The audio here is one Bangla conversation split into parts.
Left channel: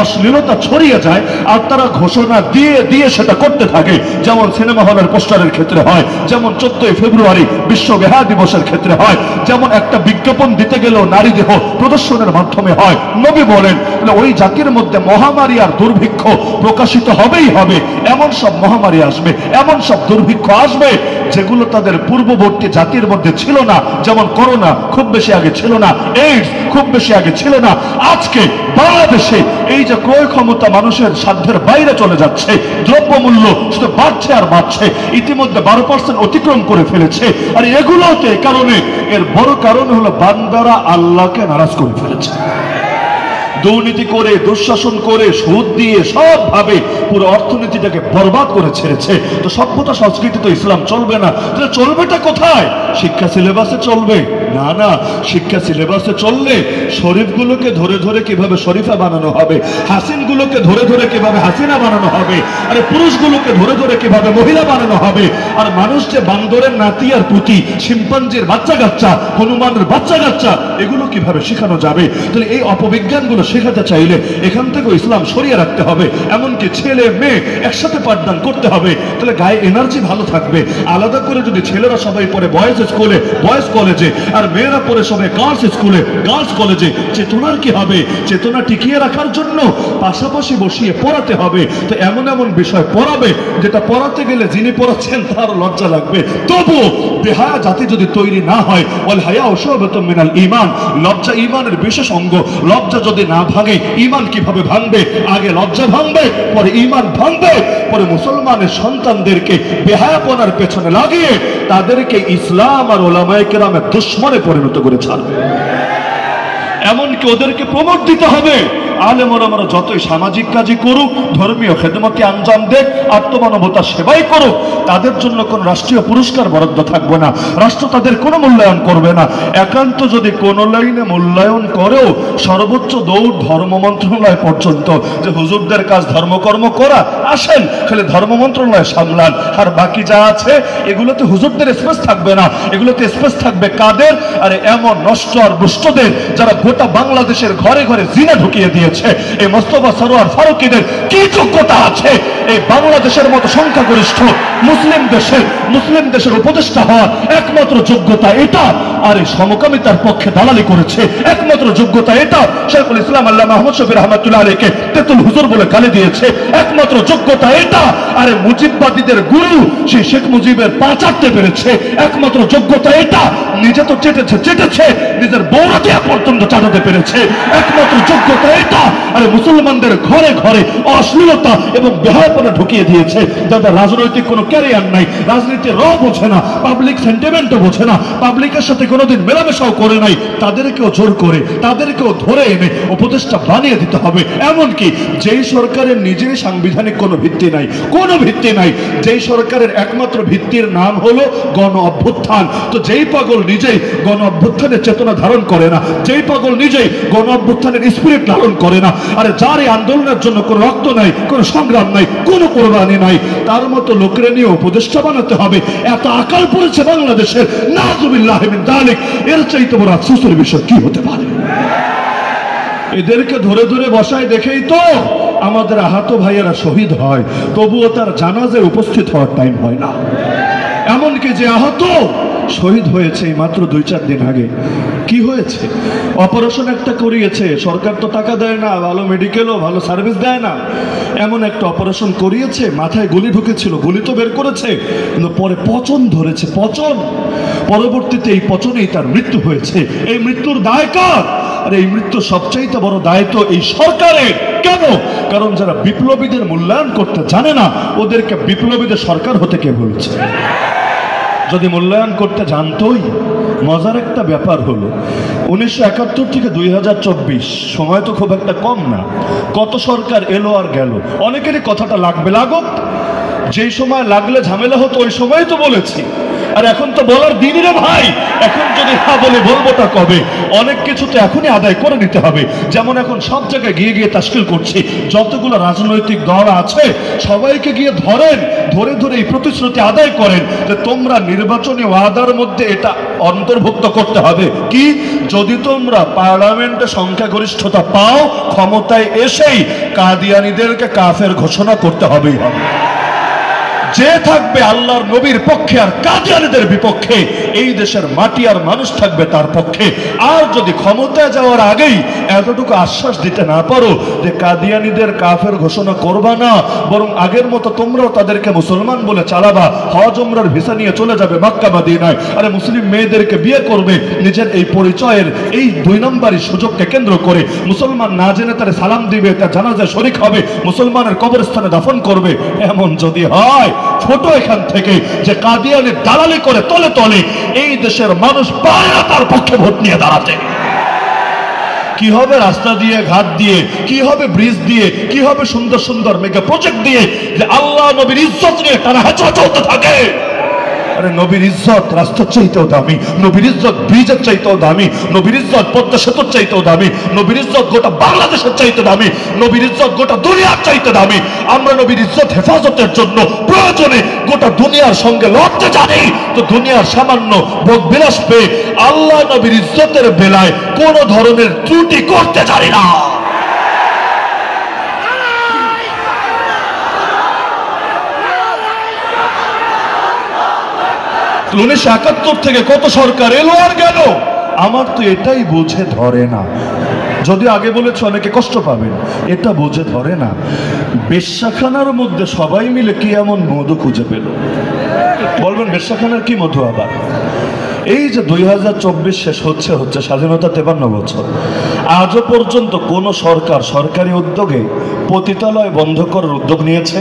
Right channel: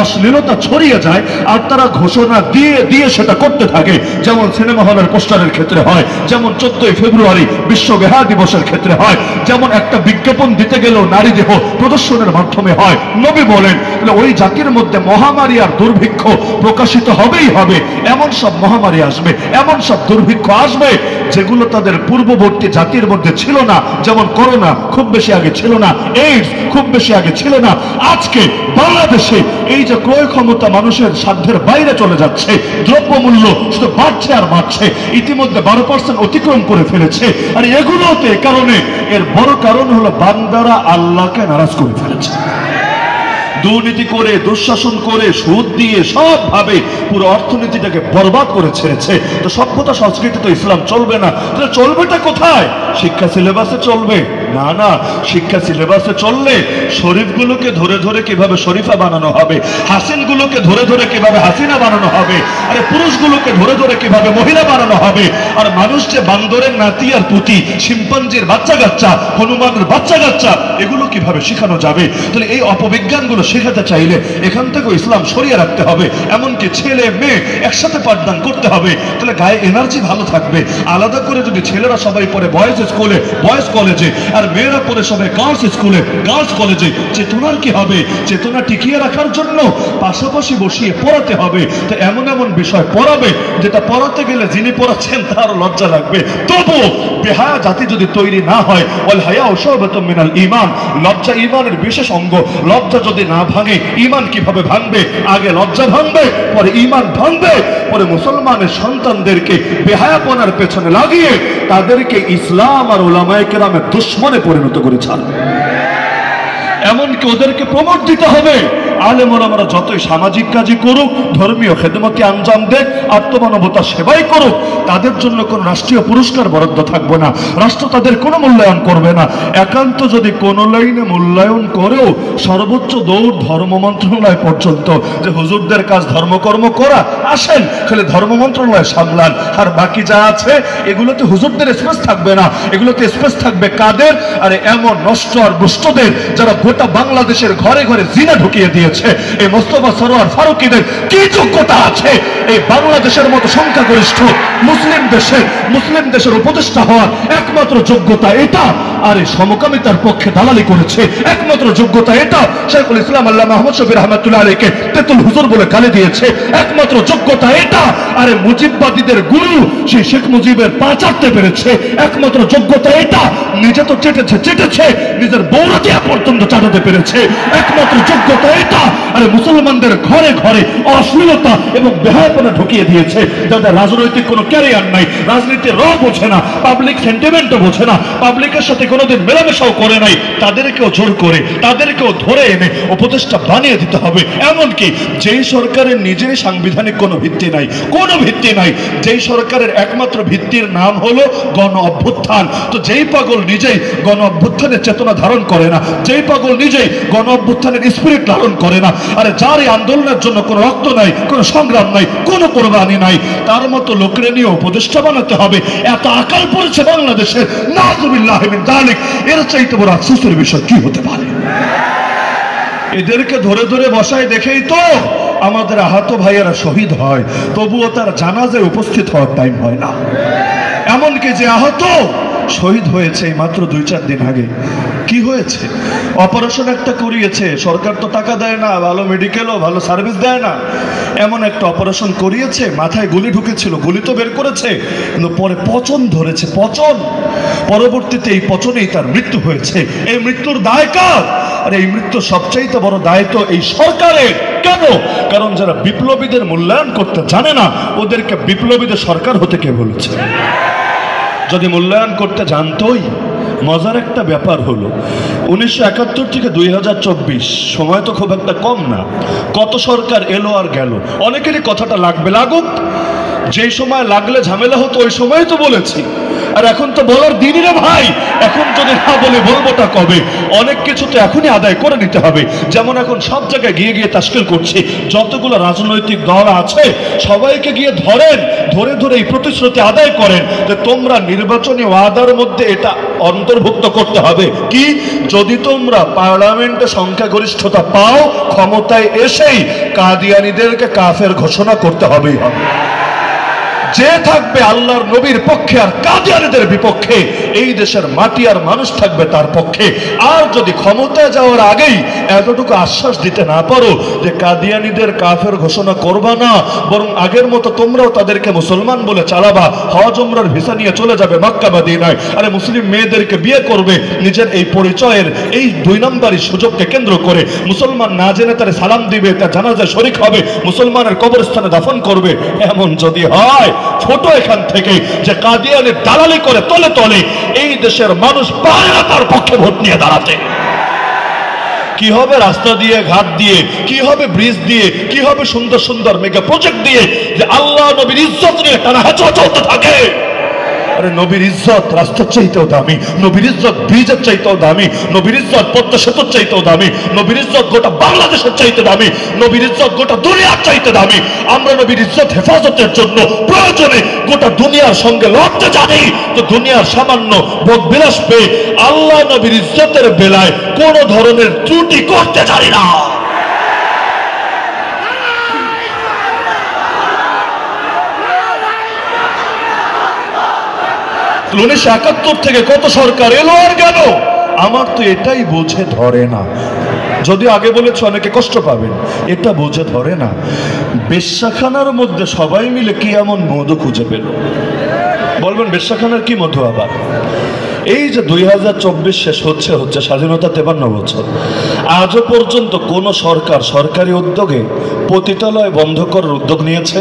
অশ্লীলতা ছড়িয়ে যায় আর তারা ঘোষণা দিয়ে দিয়ে সেটা করতে থাকে। যেমন সিনেমা হলের পোস্টারের ক্ষেত্রে হয়, যেমন 14 ফেব্রুয়ারি বিশ্ব বেহায়া দিবসের ক্ষেত্রে হয়, যেমন একটা বিজ্ঞাপন দিতে গেলেও নারী দেহ প্রদর্শনের মাধ্যমে হয়। নবী বলেন ওই জাতির মধ্যে মহামারী আর দুর্ভিক্ষ প্রকাশিত হবেই হবে। এমন সব মহামারী আসবে, এমন সব দুর্ভিক্ষ আসবে যেগুলো তাদের পূর্ববর্তী জাতির মধ্যে ছিল না। যেমন করোনা খুব বেশি আগে ছিল না, এইডস খুব বেশি আগে ছিল না। আজকে বাংলাদেশে এই যে ক্রয় ক্ষমতা মানুষের সাধ্যের বাইরে চলে যাচ্ছে, দ্রব্যমূল্য শুধু বাড়ছে আর বাড়ছে, ইতিমধ্যে 12% অতিক্রম করে ফেলেছে। আর এগুলোতে কারণে এর বড় কারণ হলো বান্দারা আল্লাহকে নারাজ করে ফেলেছে। দুর্নীতি করে, দুঃশাসন করে, সুদ দিয়ে সব ভাবে পুরো অর্থনীতিটাকে বরবাদ করে ছেড়েছে। তো সভ্যতা সংস্কৃতি তো ইসলাম চলবে না, তাহলে চলবেটা কোথায়? শিক্ষা সিলেবাসে চলবে না? না, শিক্ষা সিলেবাসে চললে শরীফগুলোকে ধরে ধরে কিভাবে শরীফা বানানো হবে, হাসিনগুলোকে ধরে ধরে কিভাবে হাসিনা বানানো হবে, আরে পুরুষগুলোকে ধরে ধরে কিভাবে মহিলা বানানো হবে। আর মানুষ যে বান্দরের নাতি আর পুতি, শিম্পাঞ্জির বাচ্চা কাচ্চা, হনুমানের বাচ্চা কাচ্চা, এগুলো কিভাবে শেখানো যাবে? তাহলে এই অপবিজ্ঞানগুলো শেখাতে চাইলে এখান থেকে ইসলাম সরিয়ে রাখতে হবে। এমনকি ছেলে মেয়ে একসাথে পাঠদান করতে হবে, তাহলে গায়ে এনার্জি ভালো থাকবে। আলাদা করে যদি ছেলেরা সবাই পড়ে বয়েজ স্কুলে, বয়েজ কলেজে, আর মেয়েরা পড়ে সবাই গার্লস স্কুলে, গার্লস কলেজে, চেতনার কি হবে? চেতনা টিকিয়ে রাখার জন্য পাশাপাশি বসিয়ে পড়াতে হবে। তো এমন এমন বিষয় পড়াবে যেটা পড়াতে গেলে যিনি পড়াচ্ছেন তার লজ্জা লাগবে। তবু বেহায়া জাতি যদি তৈরি না হয়, ওয়াল হায়া শুবাতুম মিনাল ঈমান, লজ্জা ঈমানের বিশেষ অঙ্গ। লজ্জা যদি না ভাঙে ঈমান কিভাবে ভাঙবে? আগে লজ্জা ভাঙবে, পরে ঈমান ভাঙবে, পরে মুসলমানের সন্তানদেরকে বেহায়াপনার পেছনে লাগিয়ে তাদেরকে ইসলাম আর উলামায়ে কেরামের দুশমনে পরিণত করে ছাড়বে। এমনকি ওদেরকে প্রমোট দিতে হবে। আলেম ওলামারা যতই সামাজিক কাজই করুক, ধর্মীয় খেদমতে আঞ্জাম দেখ, আত্মমানবতা সেবাই করুক, তাদের জন্য কোন রাষ্ট্রীয় পুরস্কার বরাদ্দ থাকবে না, রাষ্ট্র তাদের কোনো মূল্যায়ন করবে না। একান্ত যদি কোন লাইনে মূল্যায়ন করেও সর্বোচ্চ দৌড় ধর্ম মন্ত্রণালয় পর্যন্ত, যে হুজুরদের কাজ ধর্মকর্ম করা, আসেন খালি ধর্ম মন্ত্রণালয় সামলান, আর বাকি যা আছে এগুলোতে হুজুরদের স্পেস থাকবে না, এগুলোতে স্পেস থাকবে কাদের? আরে এমন নষ্ট আর দুষ্টদের যারা গোটা বাংলাদেশের ঘরে ঘরে জিনা ঢুকিয়ে দিয়েছে। এই মোস্তফা সরোয়ার ফারুকীদের কি যোগ্যতা আছে এই বাংলাদেশের মতো সংখ্যাগরিষ্ঠ মুসলিম দেশের উপদেষ্টা হওয়ার? একমাত্র যোগ্যতা এটা। আরে সমকামিতার পক্ষে দালালি করেছে, একমাত্র যোগ্যতা এটা। শাইখুল ইসলাম আল্লামা মুহাম্মদ শফি রাহমাতুল্লাহ আলাইহিকে তেতুল হুজুর বলে গালি দিয়েছে, একমাত্র যোগ্যতা এটা। আরে মুজিববাদীদের গুরু সেই শেখ মুজিবের পা চাটতে পেরেছে, একমাত্র যোগ্যতা এটা। নিজে তো চেটেছে, নিজের বৌরাতিয়া পর্যন্ত চাটাতে পেরেছে, একমাত্র যোগ্যতা এটা। আরে মুসলমানদের ঘরে ঘরে অশ্লীলতা এবং বেহায়াপনা ঢুকিয়ে দিয়েছে, যাদের রাজনৈতিক কোনো ক্যারিয়ার নাই, রাজনীতির র বোঝে না, পাবলিক সেন্টিমেন্টও বোঝে না, পাবলিকের সাথে কোনোদিন মেলামেশাও করে নাই, তাদেরকেও জোর করে, তাদেরকেও ধরে এনে উপদেষ্টা বানিয়ে দিতে হবে। এমনকি যেই সরকারের নিজে সাংবিধানিক কোনো ভিত্তি নাই, কোনো ভিত্তি নাই, যেই সরকারের একমাত্র ভিত্তির নাম হলো গণ অভ্যুত্থান, তো যেই পাগল নিজেই গণ অভ্যুত্থানের চেতনা ধারণ করে না, যেই পাগল নিজেই গণ অভ্যুত্থানের স্পিরিট ধারণ করে না, আরে যার এই আন্দোলনের জন্য কোনো রক্ত নাই, কোনো সংগ্রাম নাই, কোনো কোরবানি নাই, তার মতো লোকের নিয়ে উপদেষ্টা বানাতে হবে। এত আকাল পড়েছে বাংলাদেশের, নাউযুবিল্লাহ মিন যালিক। এর চাইতে বড় আফসোসের বিষয় কি হতে পারে? এদেরকে ধরে ধরে বসায় দেখেই তো আমাদের আহত ভাইয়েরা শহীদ হয়, তবুও তার জানাজায় উপস্থিত হওয়ার টাইম হয় না। এমনকি যে আহত শহীদ হয়েছে মাত্র 2-4 দিন আগে, কি হয়েছে? অপারেশন একটা করিয়েছে, সরকার তো টাকা দেয় না, ভালো মেডিকেলও ভালো সার্ভিস দেয় না, এমন একটা অপারেশন করিয়েছে, মাথায় গুলি ঢুকেছিল, গুলি তো বের করেছে, কিন্তু পরে পচন ধরেছে, পচন, পরবর্তীতে এই পচনেই তার মৃত্যু হয়েছে। এই মৃত্যুর দায় কার? আর এই মৃত্যু সবচাইতে বড় দায় তো এই সরকারের। কেন? কারণ যারা বিপ্লবীদের মূল্যায়ন করতে জানে না, ওদেরকে বিপ্লবীদের সরকার হতে কে বলেছে? যদি মূল্যায়ন করতে জানতোই, মজার একটা ব্যাপার হলো 1971 থেকে 2024 সময় তো খুব একটা কম না, কত সরকার এলো আর গেল, অনেকেরই কথাটা লাগবে, লাগুক। যে সময় লাগলে ঝামেলা হতো ওই সময় তো বলেছি, আর এখন তো বলার দিনই রে ভাই। এখন যদি না বলে বলবোটা কবে? অনেক কিছু তো এখনই আদায় করে নিতে হবে। যেমন এখন সব জায়গায় গিয়ে গিয়ে তাশকিল করছে, যতগুলো রাজনৈতিক দল আছে সবাইকে গিয়ে ধরেন, ধরে ধরে এই প্রতিশ্রুতি আদায় করেন যে তোমরা নির্বাচনী ওয়াদার মধ্যে এটা অন্তর্ভুক্ত করতে হবে কি, যদি তোমরা পার্লামেন্টে সংখ্যাগরিষ্ঠতা পাও, ক্ষমতায় এসেই কাদিয়ানীদেরকে কাফের ঘোষণা করতে হবেই হবে। যে থাকবে আল্লাহর নবীর পক্ষে আর কাদিয়ানীদের বিপক্ষে, এই দেশের মাটি আর মানুষ থাকবে তার পক্ষে। আর যদি ক্ষমতায় যাওয়ার আগেই এতটুকু আশ্বাস দিতে না পারো যে কাদিয়ানীদের কাফের ঘোষণা করবা না, বরং আগের মতো তোমরাও তাদেরকে মুসলমান বলে চালাবা, হজ উমরার ভিসা নিয়ে চলে যাবে মক্কা মদিনায়, আরে মুসলিম মেয়েদেরকে বিয়ে করবে, নিজের এই পরিচয়ের এই 2 নম্বরই সুযোগকে কেন্দ্র করে মুসলমান না জেনে তার সালাম দিবে, তার জানাজায় শরীক হবে, মুসলমানের কবরস্থানে দাফন করবে, এমন যদি হয় ছোট এখান থেকে যে কাদিয়ানের দালালি করে তলে তলে এই দেশের মানুষ পায় না তার পক্ষে ভোট নিয়ে দাঁড়াতে। কি হবে রাস্তা দিয়ে, ঘাট দিয়ে, কি হবে ব্রিজ দিয়ে, কি হবে সুন্দর সুন্দর মেগা প্রজেক্ট দিয়ে, যে আল্লাহ নবীর ইজ্জত নিয়ে তারা হেঁচা চলতে থাকে। আরে নবীর ইজ্জত রাস্তার চাইতেও দামি, নবীর ইজ্জত ব্রিজের চাইতেও দামি, নবীর ইজ্জত পদ্মা সেতুর চাইতেও দামি, নবীর ইজ্জত গোটা বাংলাদেশের চাইতে দামি, নবীর ইজ্জত গোটা দুনিয়ার চাইতে দামি। আমরা নবীর ইজ্জত হেফাজতের জন্য প্রয়োজনে গোটা দুনিয়ার সঙ্গে লড়তে জানি, তো দুনিয়ার সামান্য ভোগ বিলাস পেয়ে আল্লাহ নবীর ইজ্জতের বেলায় কোন ধরনের ত্রুটি করতে জানি না। 1971 থেকে কত সরকার এলো আর গেল, আমার তো এটাই বুঝে ধরে না। যদি আগে বলেছ অনেকে কষ্ট পাবেন, এটা বুঝে ধরে না বেশ্যাখানার মধ্যে সবাই মিলে কি এমন মধু খুঁজে পেল। বলবেন বেশ্যাখানার কি মধু আবার? এই যে 2024 শেষ হচ্ছে স্বাধীনতা 53 বছর, আজও পর্যন্ত কোন সরকার সরকারি উদ্যোগে পতিতালয় বন্ধ করার উদ্যোগ নিয়েছে?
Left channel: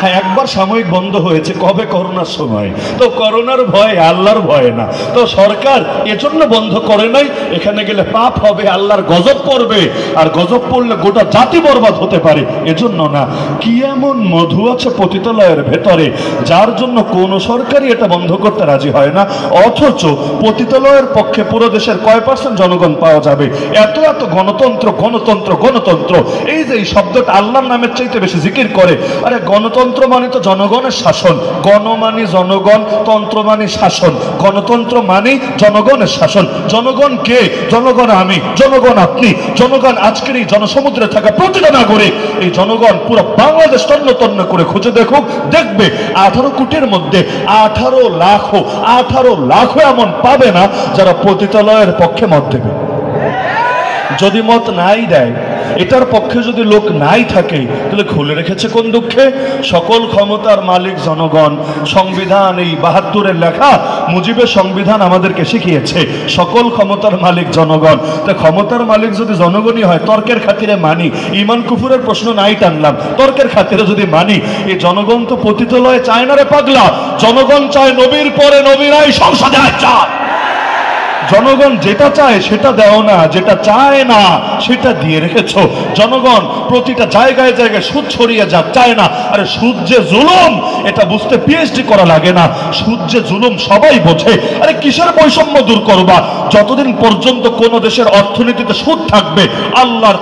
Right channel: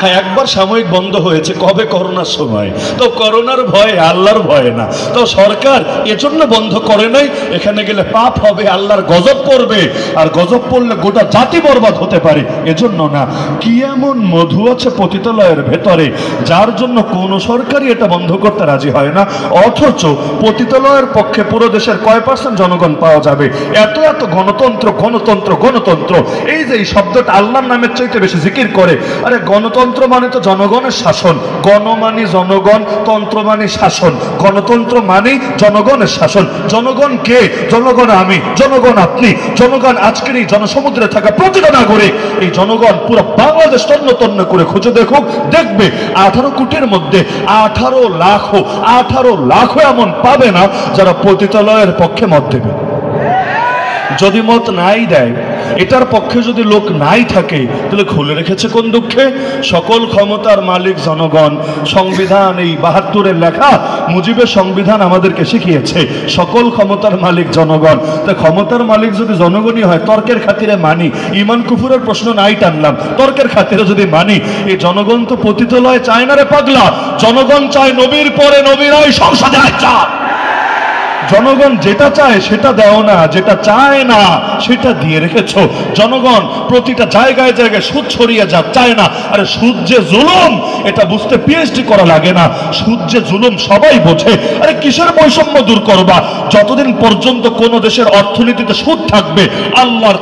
হ্যাঁ, একবার সাময়িক বন্ধ হয়েছে, কবে? করোনার সময়। তো করোনার ভয়ে, আল্লাহর ভয়ে না, তো সরকার এজন্য বন্ধ করে নাই এখানে গেলে পাপ হবে, আল্লাহর গজব পড়বে, আর গজব পড়লে গোটা জাতি বরবাদ হতে পারে, এজন্য না। কি এমন মধু আছে পতিতালয়ের ভেতরে যার জন্য কোন সরকারই এটা বন্ধ করতে রাজি হয় না? অথচ পতিতালয়ের পক্ষে পুরো দেশের কয় % জনগণ পাওয়া যাবে? এত এত গণতন্ত্র গণতন্ত্র গণতন্ত্র, এই যে এই শব্দটা আল্লাহর নামের চাইতে বেশি জিকির করে। আরে গণতন্ত্র মানে তো জনগণের শাসন, গণ মানে জনগণ, তন্ত্র মানে শাসন, গণতন্ত্র মানে জনগণের শাসন। জনগণ কে? জনগণ আমি, জনগণ আপনি, জনগণ আজকের এই জনসমুদ্রে থাকা প্রতিটা নাগরিক। এই জনগণ পুরো বাংলাদেশ তন্ন তন্ন করে খুঁজে দেখুক, দেখবে 18 কোটির মধ্যে 18 লাখ এমন পাবে না যারা পতিতালয়ের পক্ষে মত দেবে। যদি মত নাই দেয়, এটার পক্ষে যদি লোক নাই থাকে, তাহলে খুলে রেখেছে কোন দুঃখে? সকল ক্ষমতার মালিক জনগণ। সংবিধান এই 72-এর লেখা মুজিবের সংবিধান আমাদেরকে শিখিয়েছে সকল ক্ষমতার মালিক জনগণ। তা ক্ষমতার মালিক যদি জনগণই হয়, তর্কের খাতিরে মানি, ইমান কুফুরের প্রশ্ন নাই টানলাম, তর্কের খাতিরে যদি মানি, এই জনগণ তো পতিতালয়ে চায় না রে পাগলা। জনগণ চায় নবীর পরে নবীরাই সংসদে চায়। জনগণ যেটা চায় সেটা দেও না, যেটা চায় না সেটা দিয়ে রেখেছো। জনগণ প্রতিটা জায়গায় জায়গায় সুদ ছড়িয়ে যা চায় না। আরে সুদ যে জুলুম এটা বুঝতে PhD করা লাগে না, সুদ যে জুলুম সবাই বোঝে। আরে কিসের বৈষম্য দূর করবা? যতদিন পর্যন্ত কোন দেশের অর্থনীতিতে সুদ থাকবে, আল্লাহর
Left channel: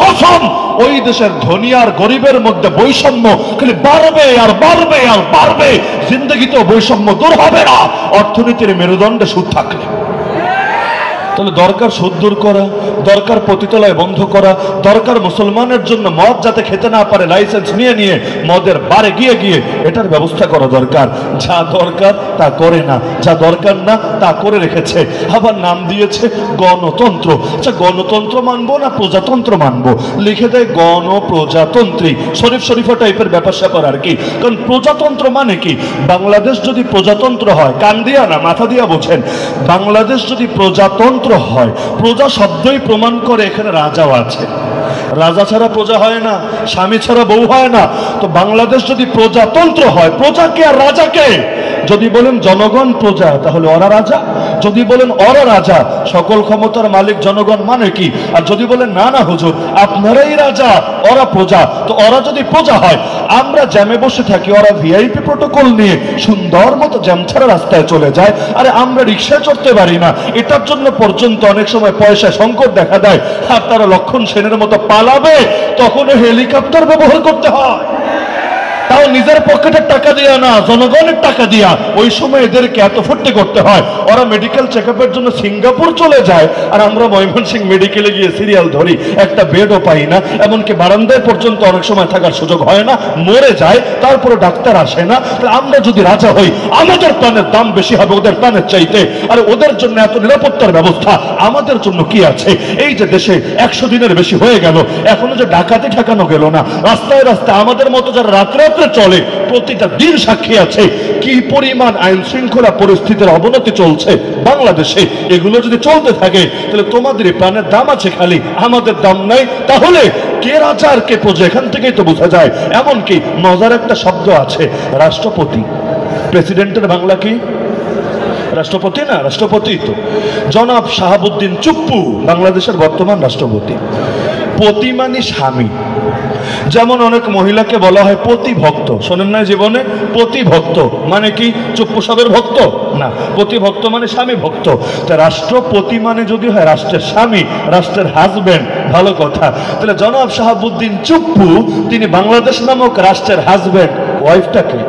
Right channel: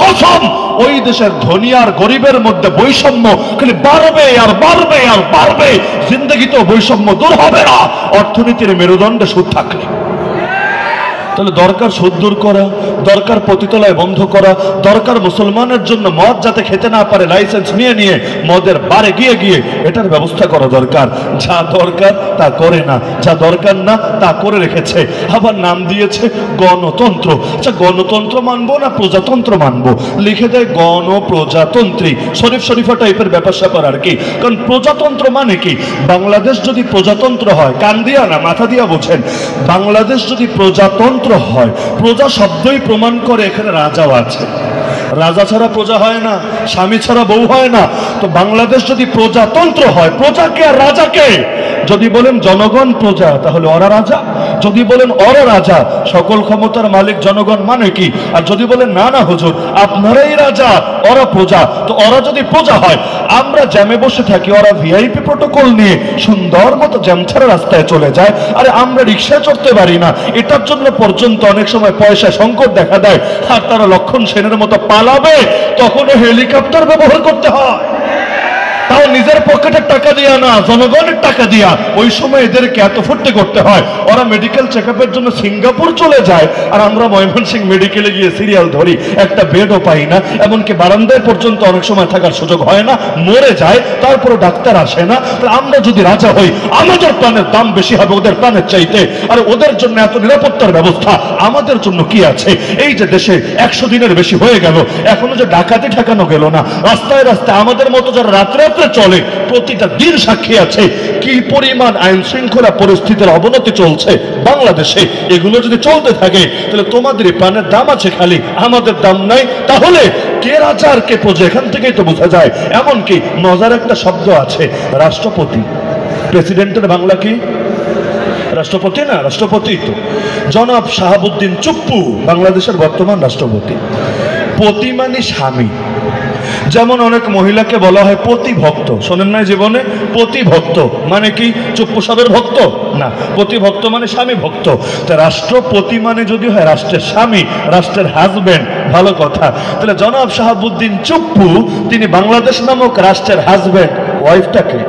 কসম ওই দেশের ধনী আর গরিবের মধ্যে বৈষম্য খালি বাড়বে আর বাড়বে আর বাড়বে। জিন্দগিতেও বৈষম্য দূর হবে না অর্থনীতির মেরুদণ্ডে সুদ থাকলে। তাহলে দরকার সুদ দূর করা, দরকার পতিতালয় বন্ধ করা, দরকার মুসলমানের জন্য মদ যাতে খেতে না পারে লাইসেন্স নিয়ে নিয়ে মদের বারে গিয়ে গিয়ে এটার ব্যবস্থা করা দরকার। যা দরকার তা করে না, যা দরকার না তা করে রেখেছে। আবার নাম দিয়েছে গণতন্ত্র। আচ্ছা, গণতন্ত্র মানবো না প্রজাতন্ত্র মানবো? লিখে দেয় গণপ্রজাতন্ত্রী, শরীফা টাইপের ব্যাপার স্যাপার আর কি। কারণ প্রজাতন্ত্র মানে কি? বাংলাদেশ যদি প্রজাতন্ত্র হয়, কান দিয়া না মাথা দিয়া বোঝেন, বাংলাদেশ যদি প্রজাতন্ত্র হয়, প্রজা শব্দই প্রমাণ করে এখানে রাজাও আছে। রাজা ছাড়া প্রজা হয় না, স্বামী ছাড়া বউ হয় না। তো বাংলাদেশ যদি প্রজাতন্ত্র হয়, প্রজাকে আর রাজাকে? যদি বলেন জনগণ প্রজা, তাহলে ওরা রাজা। যদি বলেন ওরা রাজা, সকল ক্ষমতার মালিক জনগণ মানে কি? আর যদি বলেন না না হুজুর আপনারাই রাজা, ওরা প্রজা, তো ওরা যদি প্রজা হয়, আমরা জ্যামে বসে থাকি, ওরা ভিআইপি প্রোটোকল নিয়ে সুন্দর মতো জ্যাম ছাড়া রাস্তায় চলে যায়, আরে আমরা রিক্সায় চড়তে পারি না। এটার জন্য পর্যন্ত অনেক সময় পয়সা সংকট দেখা দেয়, আর তারা লক্ষণ সেনের মতো পালাবে, তখনও হেলিকপ্টার ব্যবহার করতে হয়, তাও নিজের পকেটের টাকা দিয়া না, জনগণের টাকা দিয়া। ওই সময় এদেরকে এত ফুর্তি করতে হয়, ওরা মেডিকেল চেকআপের জন্য সিঙ্গাপুর চলে যায়, আর আমরা ময়মনসিংহ মেডিকেলে গিয়ে সিরিয়াল ধরি, একটা বেডও পাই না, এমনকি বারান্দায় পর্যন্ত অনেক সময় থাকার সুযোগ হয় না, মরে যায়, তারপরে ডাক্তার আসে না। তাহলে আমরা যদি রাজা হই, আমাদের প্রাণের দাম বেশি হবে ওদের প্রাণের চাইতে, আর ওদের জন্য এত নিরাপত্তার ব্যবস্থা, আমাদের জন্য কি আছে? এই যে দেশে 100 দিনের বেশি হয়ে গেল, এখনো যে ডাকাতি ঠেকানো গেল না, রাস্তায় রাস্তায় আমাদের মতো যারা রাত্রে চলে, প্রতিটা দিন সাক্ষী আছে কি পরিমাণ আইন শৃঙ্খলা পরিস্থিতির অবনতি চলছে বাংলাদেশে। এগুলো যদি চলতে থাকে, তাহলে তোমাদের প্রাণের দাম আছে খালি, আমাদের দাম নাই। তাহলে কে রাজা আর কে প্রজা, এখান থেকেই তো বোঝা যায়। এমনকি মজার একটা শব্দ আছে, রাষ্ট্রপতি। প্রেসিডেন্টের বাংলা কি? রাষ্ট্রপতি না? রাষ্ট্রপতি তো। জনাব শাহাবুদ্দিন চুপ্পু বাংলাদেশের বর্তমান রাষ্ট্রপতি। পতি মানে স্বামী। যেমন অনেক মহিলাকে বলা হয় পতিভক্ত, শোনেন নাই জীবনে? পতিভক্ত মানে কি চুপ্পু সাহেবের ভক্ত না, পতিভক্ত মানে স্বামী ভক্ত। তা রাষ্ট্রপতি মানে যদি হয় রাষ্ট্রের স্বামী, রাষ্ট্রের হাজবেন্ড, ভালো কথা। তাহলে জনাব শাহাবুদ্দিন চুপ্পু তিনি বাংলাদেশ নামক রাষ্ট্রের হাজবেন্ড। ওয়াইফটাকে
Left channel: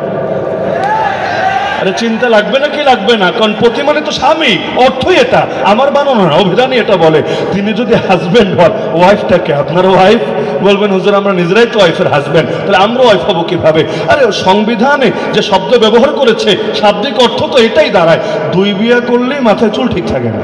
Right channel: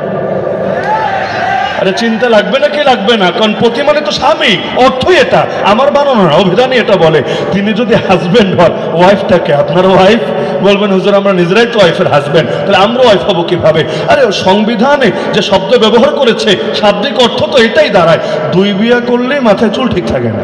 আরে চিন্তা লাগবে না কি লাগবে না, কারণ পতি মানে তো স্বামী, অর্থই এটা, আমার বানানো না, অভিধানই এটা বলে। তিনি যদি হাজবেন্ড হন, ওয়াইফটাকে আপনার ওয়াইফ বলবেন হুজুর আমরা নিজেরাই তো ওয়াইফের হাজবেন্ড, তাহলে আমরা ওয়াইফ হবো কিভাবে? আরে সংবিধানে যে শব্দ ব্যবহার করেছে শাব্দিক অর্থ তো এটাই দাঁড়ায়, দুই বিয়া করলেই মাথায় চুল ঠিক থাকে না,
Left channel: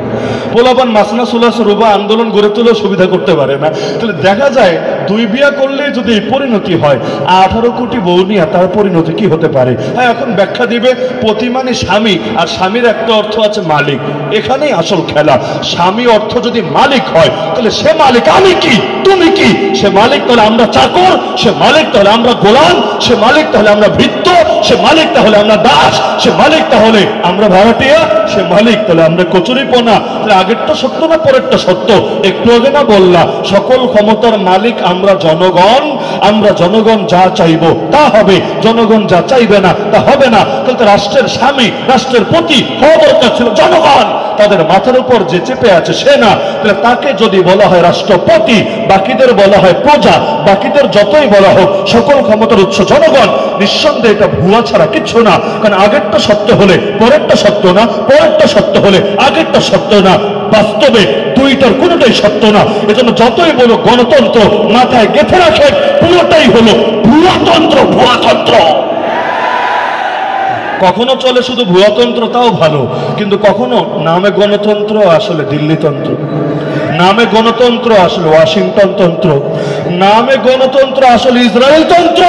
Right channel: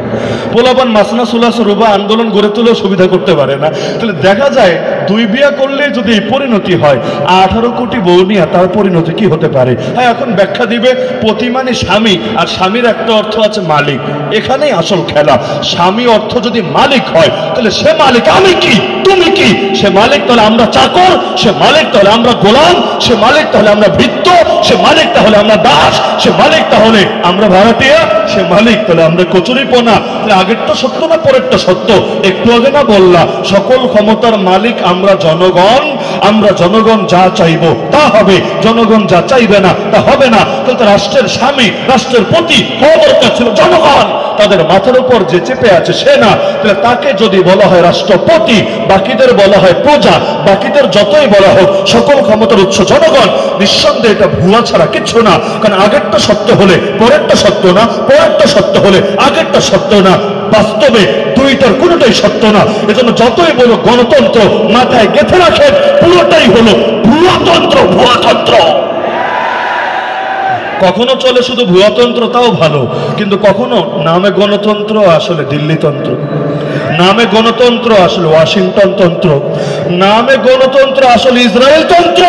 পোলাপান মাসনা সুলাস রুবা আন্দোলন গড়ে তুলেও সুবিধা করতে পারে না। তাহলে দেখা যায় দুই বিয়া করলেই যদি এই পরিণতি হয়, 18 কোটি বউ নিয়ে তার পরিণতি কি হতে পারে? হ্যাঁ, এখন ব্যাখ্যা দিবে পতি মানে স্বামী, আর স্বামীর একটা অর্থ আছে মালিক। এখানেই আসল খেলা। স্বামী অর্থ যদি মালিক হয়, তাহলে সে মালিক, আমি কি তুমি কি? সে মালিক তাহলে আমরা চাকর, সে মালিক তাহলে আমরা গোলাম, সে মালিক তাহলে আমরা ভৃত্য, সে মালিক তাহলে আমরা দাস, সে মালিক তাহলে আমরা ভাড়াটিয়া, সে মালিক তাহলে আমরা কচুরিপনা। তাহলে আগেরটা সত্য না পরেরটা সত্য? একটু আগে না বললাম সকল ক্ষমতার মালিক আমরা জনগণ, আমরা জনগণ যা চাইবো তা হবে, জনগণ যা চাইবে না তা হবে না। কিন্তু রাষ্ট্রের স্বামী, রাষ্ট্রের প্রতি হওয়া দরকার ছিল জনগণ। তাদের মাথার উপর যে চেপে আছে সে না, তাহলে তাকে যদি বলা হয় রাষ্ট্রপতি, বাকিদের বলা হয় প্রজা, বাকিদের যতই বলা হোক সকল ক্ষমতার উৎস জনগণ, নিঃসন্দেহে এটা ভুয়া ছাড়া কিচ্ছু না। কারণ আগেরটা সত্য হলে পরেরটা সত্য না, পরেরটা সত্য হলে আগেরটা সত্য না। বাস্তবে দুইটার কোনোটাই সত্য না। এজন্য যতই বলো গণতন্ত্র, মাথায় গেঁথে রাখেন পুরোটাই হলো ভুয়াতন্ত্র, ভুয়াতন্ত্র। কখনো চলে শুধু ভুয়াতন্ত্র, তাও ভালো, কিন্তু কখনো নামে গণতন্ত্র আসলে দিল্লিতন্ত্র, নামে গণতন্ত্র আসলে ওয়াশিংটন তন্ত্র, নামে গণতন্ত্র আসলে ইসরায়েল তন্ত্র।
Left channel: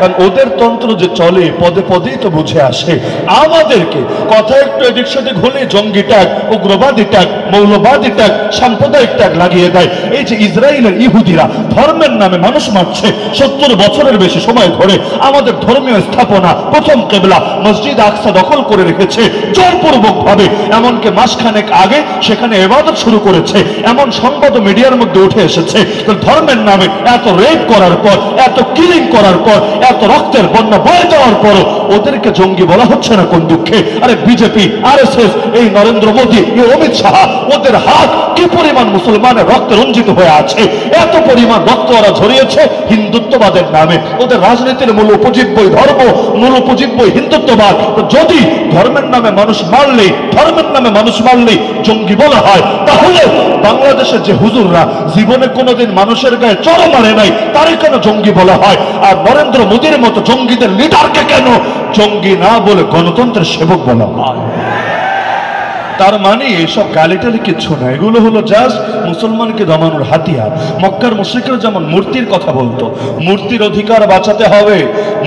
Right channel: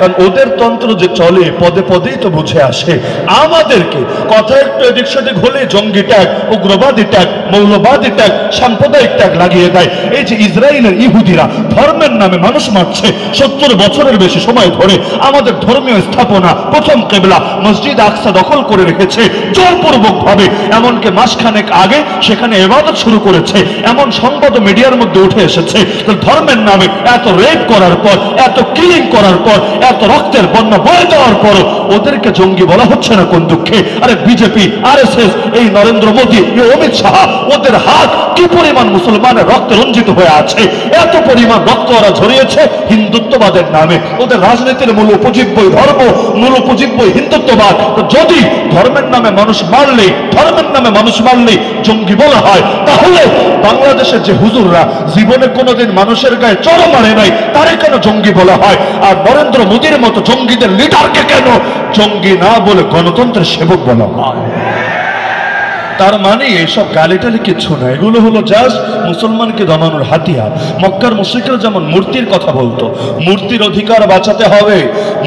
কারণ ওদের তন্ত্র যে চলে পদে পদেই তো বুঝে আসে। আমাদেরকে কথা একটু এদিক সেদিক হলে জঙ্গি ট্যাগ, উগ্রবাদী ট্যাগ, মৌলবাদী ট্যাগ, সাম্প্রদায়িক ট্যাগ লাগিয়ে দেয়। এই যে ইসরায়েলের ইহুদিরা ধর্মের নামে মানুষ মারছে 70 বছরের বেশি সময় ধরে, আমাদের ধর্মীয় স্থাপনা প্রথম কেবলা মসজিদ আকসা দখল করে রেখেছে জোরপূর্বক ভাবে। এমনকি মাসখানেক আগে সেখানে ইবাদত শুরু করেছে, এমন সংবাদ মিডিয়ার মধ্যে উঠে এসেছে। ধর্মের নামে এত রেপ করার পর, এত কিলিং করার পর, এত রক্তের বন্যা বয়ে যাওয়ার পর ওদেরকে জঙ্গি বলা হচ্ছে না কোন দুঃখে? আরে বিজেপি, আরএসএস, এই নরেন্দ্র মোদী, এই অমিত শাহ, ওদের হাত কি পরিমাণ মুসলমানের রক্তে রঞ্জিত হয়ে আছে, এত পরিমাণ রক্ত ওরা ঝরিয়েছে হিন্দুত্ববাদের নামে। ওদের রাজনীতির মূল উপজীব্যই ধর্ম, মূল উপজীব্যই হিন্দুত্ববাদ। যদি ধর্মের নামে মানুষ মারলে, ধর্মের নামে মানুষ মারলে জঙ্গি বলা হয়, তাহলে বাংলাদেশের যে হুজুররা জীবনে কোনোদিন মানুষের গায়ে চড় মারে নাই, তারে কেন জঙ্গি বলা হয়? আর নরেন্দ্র মোদীর মতো জঙ্গিদের লিডারকে কেন জঙ্গি না বলে গণতন্ত্রের সেবক বলা হয়? তার মানে এইসব গালিটালি কিচ্ছু না, এগুলো হলো জাস্ট মুসলমানকে দমানোর হাতিয়ার। মক্কার মুশরিকরা যেমন মূর্তির কথা বলতো, মূর্তির অধিকার বাঁচাতে হবে,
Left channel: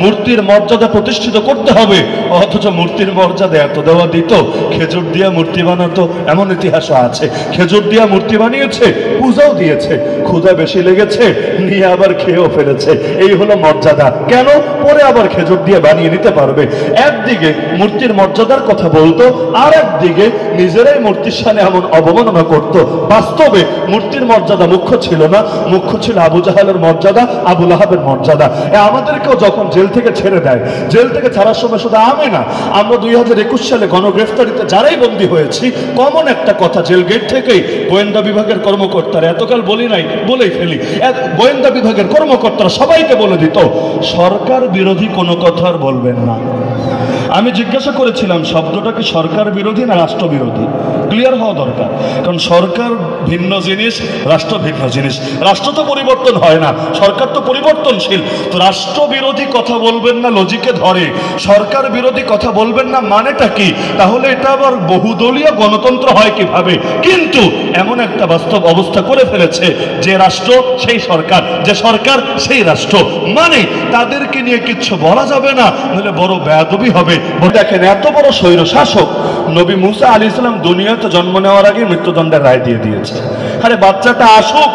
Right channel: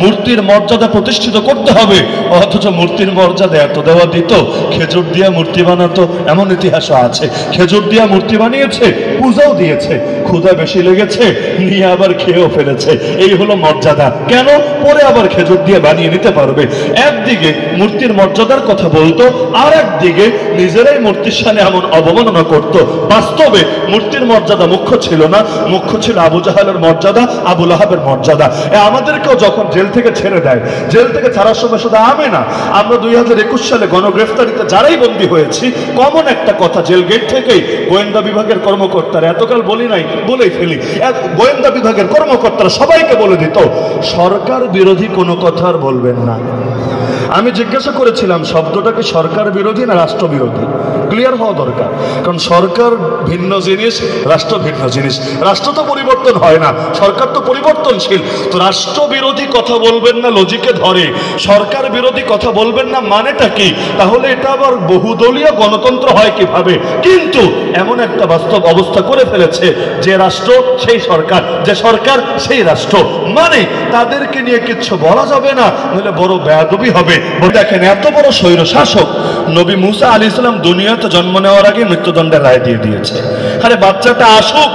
মূর্তির মর্যাদা প্রতিষ্ঠিত করতে হবে, অথচ মূর্তির মর্যাদা এত দেওয়া দিত, খেজুর দিয়া মূর্তি বানাতো, এমন ইতিহাসও আছে। খেজুর দিয়া মূর্তি বানিয়েছে, পূজাও দিয়েছে, ক্ষুধা বেশি লেগেছে, নিয়ে আবার খেয়েও ফেলেছে। এই হলো মর্যাদা। কেন? পরে আবার খেজুর দিয়ে বানিয়ে নিতে পারবে। একদিকে মূর্তির মর্যাদার কথা বলতো, আর একদিকে নিজেরাই মূর্তির সামনে এমন অবমাননা করত। বাস্তবে মূর্তির মর্যাদা মুখ্য ছিল না, মুখ্য ছিল আবু জাহালের মর্যাদা, আবু লাহাবের মর্যাদা। আমাদেরকেও যখন জেল থেকে ছেড়ে দেয়, জেল থেকে ছাড়ার সময় শুধু আমি না, আমরা 2021 সালে গণগ্রেফতারিতে যারাই বন্দী হয়েছি, কমন একটা কথা, জেল গেট থেকেই গোয়েন্দা বিভাগের কর্মকর্তারা, এতকাল বলি নাই, বলেই ফেলি, গোয়েন্দা বিভাগের কর্মকর্তারা সবাইকে বলে দিত, সরকার বিরোধী কোনো কথা আর বলবেন না। আমি জিজ্ঞাসা করেছিলাম, শব্দটা কি সরকার বিরোধী না রাষ্ট্র বিরোধী? ক্লিয়ার হওয়া দরকার, কারণ সরকার ভিন্ন জিনিস, রাষ্ট্র ভিন্ন জিনিস। রাষ্ট্র তো পরিবর্তন হয় না, সরকার তো পরিবর্তনশীল। তো রাষ্ট্র বিরোধী কথা বলবেন না লজিকে ধরে, সরকার বিরোধী কথা বলবেন না মানেটা কি? তাহলে এটা আবার বহুদলীয় গণতন্ত্র হয় কিভাবে? কিন্তু এমন একটা বাস্তব অবস্থা করে ফেলেছে, যে রাষ্ট্র সেই সরকার, যে সরকার সেই রাষ্ট্র, মানে তাদেরকে নিয়ে কিচ্ছু বলা যাবে না, নাহলে বড় বেয়াদবি হবে। দেখেন, এত বড় স্বৈর শাসক নবী মুসা আলাইহিস সালাম দুনিয়াতে জন্ম নেওয়ার আগে মৃত্যুদণ্ডের রায় দিয়ে দিয়েছে। আরে বাচ্চাটা আসুক,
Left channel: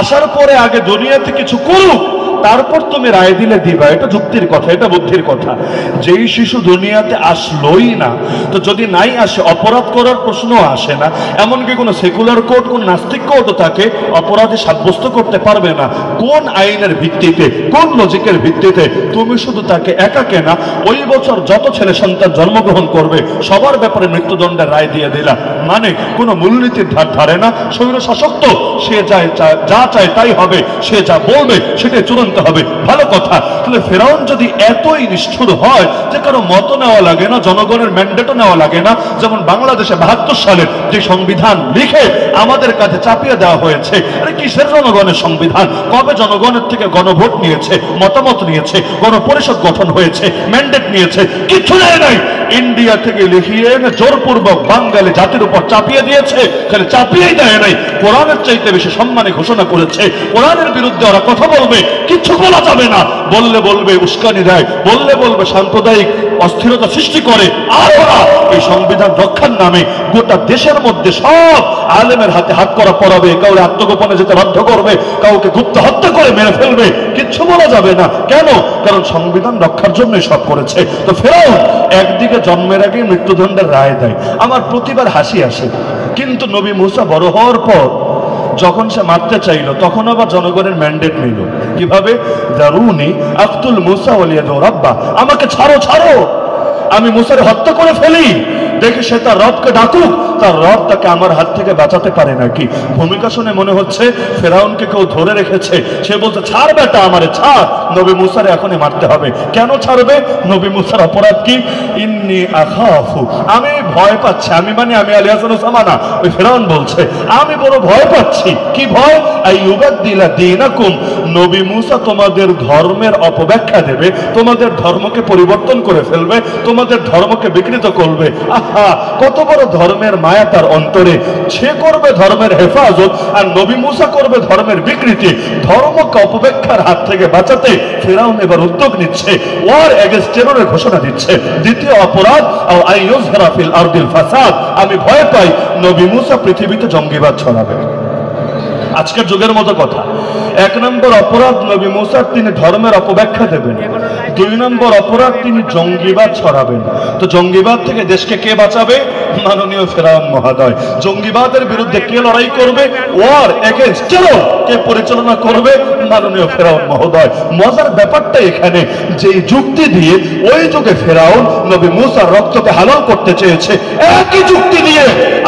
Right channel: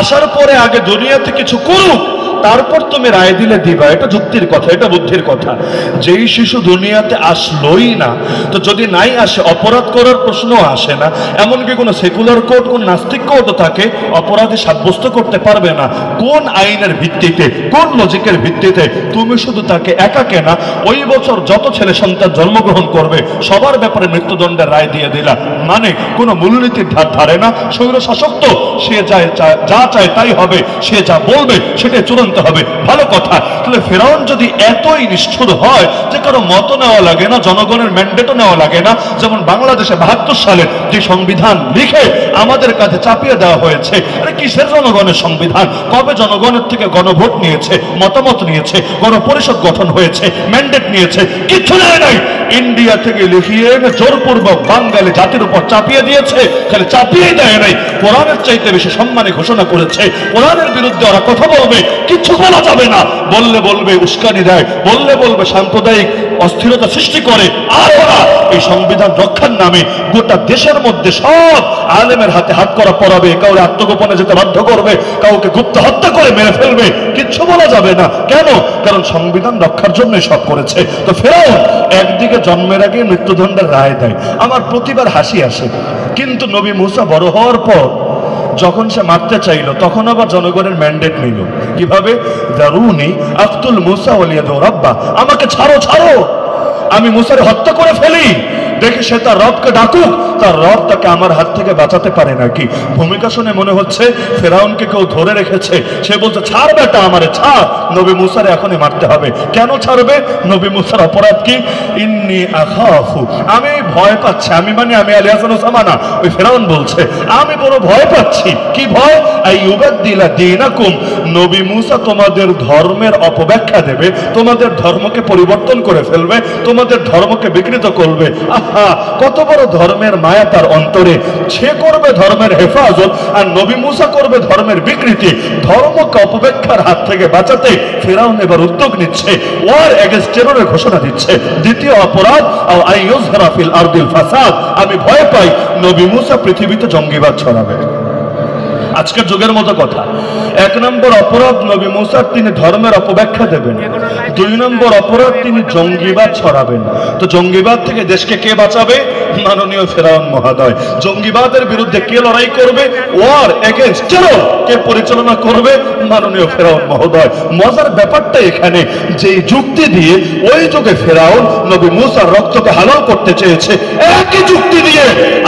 আসার পরে আগে দুনিয়াতে কিছু করুক, তারপর তুমি রায় দিলে দিবা, এটা যুক্তির কথা, এটা বুদ্ধির কথা। যেই শিশু দুনিয়াতে আসলোই না, তো যদি নাই আসে অপরাধ করার প্রশ্ন আসে না। এমনকি কোনো সেকুলার কোর্ট, কোন নাস্তিক কোর্টও তাকে অপরাধী সাব্যস্ত করতে পারবে না। কোন আইনের ভিত্তিতে, কোন লজিকের ভিত্তিতে? তুমি শুধু তাকে একা কেনা, ওই বছর যত ছেলে সন্তান জন্মগ্রহণ করবে সবার ব্যাপারে মৃত্যুদণ্ডের রায় দিয়ে দিলা, মানে কোনো মূলনীতির ধার ধারে না। স্বৈর শাসক তো সে যা চায় তাই হবে, সে যা বলবে সেটাই চূড়ান্ত হবে। ভালো কথা। তাহলে ফেরাউন যদি এতই নিষ্ঠুর হয় যে কারো মত নেওয়া লাগে না, জনগণের ম্যান্ডেটও নেওয়া লাগে না, যেমন বাংলাদেশে 72 সালে যে সংবিধান লিখে আমাদের কাছে চাপিয়ে দেওয়া হয়েছে, আরে কিসের জনগণের সংবিধান? কবে জনগণের থেকে গণভোট নিয়েছে, মতামত নিয়েছে, গণপরিষদ গঠন হয়েছে, ম্যান্ডেট নিয়েছে? কিছু নেয় নাই। ইন্ডিয়া থেকে লিখিয়ে এনে জোরপূর্বক বাঙালি জাতির উপর চাপিয়ে দিয়েছে। তাহলে চাপিয়েই দেয় নাই, কোরআনের চাইতে বেশি সম্মানে ঘোষণা করেছে। কোরআনের বিরুদ্ধে ওরা কথা বলবে, কিছু বলা যাবে না। বললে বলবে উস্কানি দেয়, বললে বলবে সাম্প্রদায়িক অস্থিরতা সৃষ্টি করে। আর ওরা এই সংবিধান রক্ষার নামে গোটা দেশের মধ্যে সব আলেমের হাতে হাত করা পড়াবে, কাউকে আত্মগোপনে যেতে বাধ্য করবে, কাউকে গুপ্ত হত্যা করে মেরে ফেলবে। কিচ্ছু বলা যাবে না। কেন? কারণ সংবিধান রক্ষার জন্য সব করেছে। তো ফেরাউন একদিকে জন্মের আগে মৃত্যুদণ্ডের রায় দেয়, আমার প্রতিবার হাসি আসে। কিন্তু নবী মুসা বড় হওয়ার পর যখন সে মারতে চাইল, তখন আবার জনগণের ম্যান্ডেট নিল। কিভাবে? দারুনি আফতুল মুসা ওয়ালিয়াদু রাব্বা, আমাকে ছাড়ো, ছাড়ো, আমি মুসাকে হত্যা করে ফেলি। দেখে সে তার রবকে ডাকুক, তার রব তাকে আমার হাত থেকে বাঁচাতে পারে নাকি। ভূমিকা শুনে মনে হচ্ছে ফেরাউনকে কেউ ধরে রেখেছে। সে বলছে, ছাড় বেটা, আমারে ছাড়, নবী মুসার এখনই মারতে হবে। কেন ছাড়বে? নবী মুসার অপরাধ কি? ইন্নী আখাফু, আমি ভয় পাচ্ছি। আমি মানে আমি আলী হাসান ওসামানা, ওই ফেরাউন বলছে আমি বড় ভয় পাচ্ছি। কি ভয়? আইয়ুবাদদিলা দীনাকুম, নবী মুসা তোমাদের ধর্মের অপব্যাখ্যা দেবে, তোমাদের ধর্মকে পরিবর্তন করে ফেলবে, তোমাদের ধর্মকে বিকৃত করবে। কত বড় ধর্মের মায়া তার অন্তরে। সে করবে ধর্মের হেফাজত, আর নবী মুসা করবে ধর্মের বিকৃতি। ধর্মকে অপব্যাখ্যার হাত থেকে বাঁচাতে ফেরাউন এবার উদ্যোগ নিচ্ছে, ওয়ার এগেইনস্ট টেররের ঘোষণা দিচ্ছে। দ্বিতীয় অপরাধ, আইয়ুযহারা ফিল আরদিল ফাসাদ, আমি ভয় পাই নবী মুসা পৃথিবীতে জঙ্গিবাদ ছড়াবে। আজকের যুগের মতো কথা। 1 নম্বর অপরাধ, নবী মুসা তিনি ধর্মের অপব্যাখ্যা দেবেন। 2 নম্বর অপরাধ, তিনি জঙ্গিবাদ ছড়াবেন। তো জঙ্গিবাদ থেকে দেশকে কে বাঁচাবে? মাননীয় ফেরাউন মহোদয়। জঙ্গিবাদের বিরুদ্ধে কে লড়াই করবে? ওয়ার এগেইনস্ট টেরর কে পরিচালনা করবে? মাননীয় ফেরাউন মহোদয়। মজার ব্যাপারটা এখানে, যে যুক্তি দিয়ে ওই যুগে ফেরাউন নবী মুসার রক্তকে হালাল করতে চেয়েছে, একই যুক্তি দিয়ে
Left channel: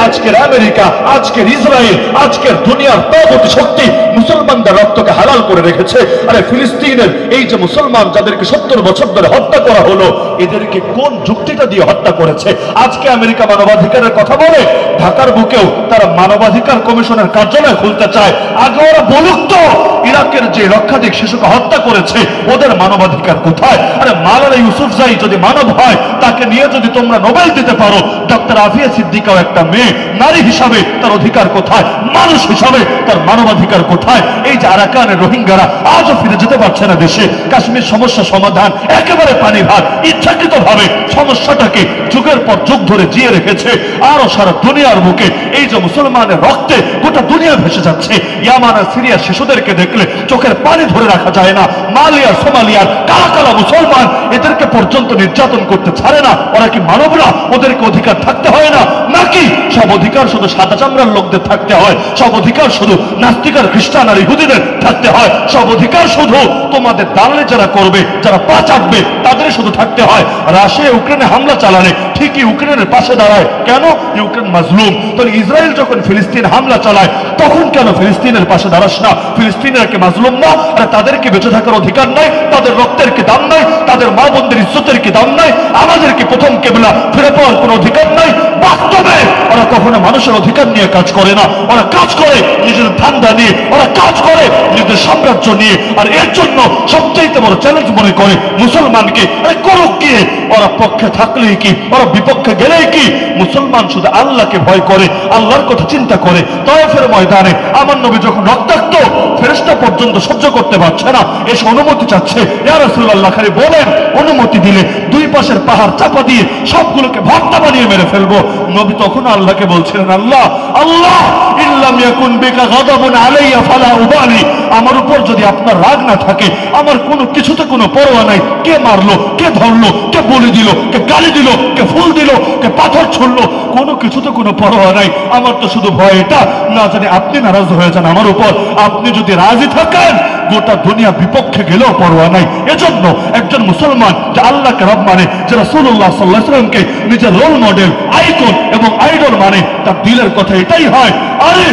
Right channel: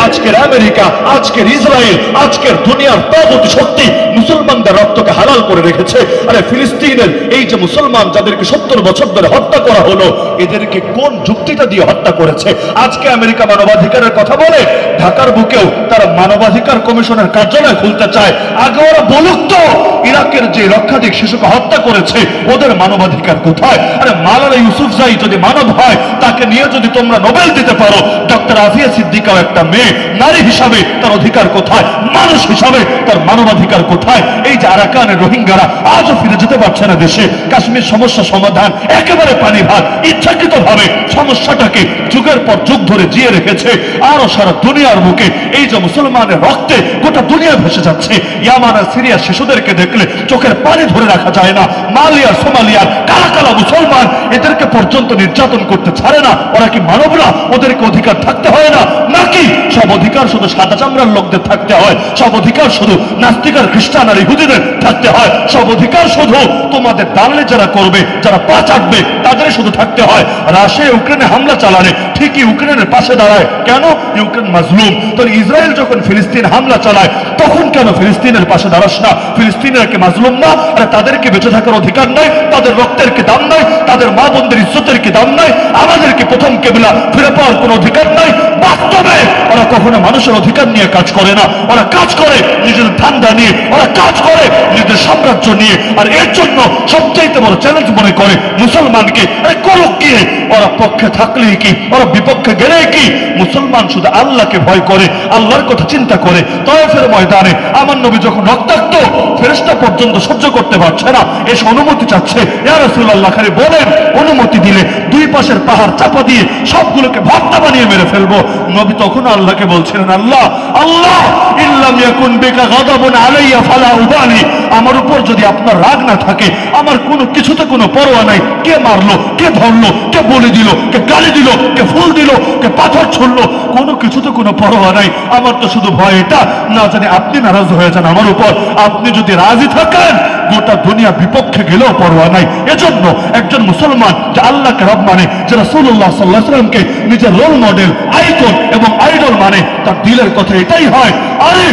আজকের আমেরিকা, আজকের ইসরায়েল, আজকের দুনিয়ার তাগুত শক্তি মুসলমানদের রক্তকে হালাল করে রেখেছে। আরে ফিলিস্তিনের এই যে মুসলমান যাদেরকে 70 বছর ধরে হত্যা করা হলো, এদেরকে কোন যুক্তিটা দিয়ে হত্যা করেছে? আজকে আমেরিকা মানবাধিকারের কথা বলে, ঢাকার বুকেও তারা মানবাধিকার কমিশনের কার্যালয় খুলতে চায়। আগে ওরা বলুক তো ইরাকের যে লক্ষাধিক শিশুকে হত্যা করেছে ওদের মানবাধিকার কোথায়? আরে মাওলানা ইউসুফজাই যদি মানব হয়, তাকে নিয়ে যদি তোমরা নোবেল দিতে পারো, ডক্টর আফিয়া সিদ্দিকাও একটা মেয়ে, নারী হিসাবে তার অধিকার কোথায়? মানুষ হিসাবে তার মানবাধিকার কোথায়? এই যে আরাকানের রোহিঙ্গারা আজও ফিরে যেতে পারছে না দেশে। কাশ্মীর সমস্যা সমাধান একেবারে পানি ভাত, ইচ্ছাকৃত ভাবে সমস্যাটাকে যুগের পর যুগ ধরে জিয়ে রেখেছে। আরো সারা দুনিয়ার বুকে এই যে মুসলমানের রক্তে গোটা দুনিয়া ভেসে যাচ্ছে। ইয়ামান আর সিরিয়ার শিশুদেরকে দেখলে চোখের পানি ধরে রাখা যায় না। মালিয়ার সোমালিয়ার কালা কালা মুসলমান, এদেরকে পর্যন্ত নির্যাতন করতে ছাড়ে না। ওরা কি মানব না? ওদেরকে অধিকার থাকতে হয় না নাকি? সব অধিকার শুধু সাদা চামড়ার লোকদের থাকতে হয়? সব অধিকার শুধু নাস্তিক আর খ্রিস্টান আর ইহুদিদের থাকতে হয়? সব অধিকার শুধু তোমাদের দালালি যারা করবে, যারা পা চাটবে, তাদের শুধু থাকতে হয়? রাশিয়া ইউক্রেনে হামলা চালালে ঠিকই ইউক্রেনের পাশে দাঁড়ায়। কেন? ইউক্রেন মাজলুম। তাহলে ইসরায়েল যখন ফিলিস্তিন হামলা চালায়, তখন কেন ফিলিস্তিনের পাশে দাঁড়াস না? ফিলিস্তিনের কি মাজলুম না? আর তাদেরকে বেঁচে থাকার অধিকার নাই? তাদের রক্তের কি দাম নাই? তাদের মা বোনদের ইজ্জতের কি দাম নাই? আমাদেরকে প্রথম কেবলা ফিরে পাওয়ার কোনো অধিকার নাই? বাস্তবে ওরা কখনো মানুষের অধিকার নিয়ে কাজ করে না। ওরা কাজ করে নিজের ধান্দা নিয়ে, ওরা কাজ করে নিজের সাম্রাজ্য নিয়ে। আর এর জন্য সবচাইতে বড় চ্যালেঞ্জ মনে করে মুসলমানকে করুক গিয়ে। ওরা পক্ষে থাকলেই কি, ওরা বিপক্ষে গেলেই কি? মুসলমান শুধু আল্লাহকে ভয় করে, আল্লাহর কথা চিন্তা করে। তায়েফের ময়দানে আমার নবী যখন রক্তাক্ত, ফেরেশতা পর্যন্ত সহ্য করতে পারছে না, এসে অনুমতি চাচ্ছে। ইয়া রাসূলুল্লাহ, খালি বলেন, অনুমতি দিলে দুই পাশের পাহাড় চাপা দিয়ে সবগুলোকে ভর্তা বানিয়ে মেরে ফেলবো। নবী তখন আল্লাহকে বলছিলেন, আল্লাহ আল্লাহ ইল্লাম ইয়াকুন বিকা গাদাবুন আলাইয়া ফালা উবালি, আমার উপর যদি আপনার রাগ না থাকে, আমার কোনো কিছুতে কোনো পরোয়া নাই। কে মারলো, কে ধরলো, কে বলে দিল, কে গালি দিল, কে ফুল দিল, কে পাথর ছুড়লো, কোনো কিছুতে কোনো পরোয়া নাই। আমার তো শুধু ভয় এটা, না জানি আপনি নারাজ হয়ে যান আমার উপর। আপনি যদি রাজি থাকেন, গোটা দুনিয়া বিপক্ষে গেলেও পরোয়া নাই। এজন্য একজন মুসলমান যে আল্লাহকে রব মানে, যে রাসূলুল্লাহ সাল্লাল্লাহু আলাইহি ওয়াসাল্লামকে নিজের রোল মডেল, আইকন এবং আইডল মানে, তার দিলের কথা এটাই হয়, আরে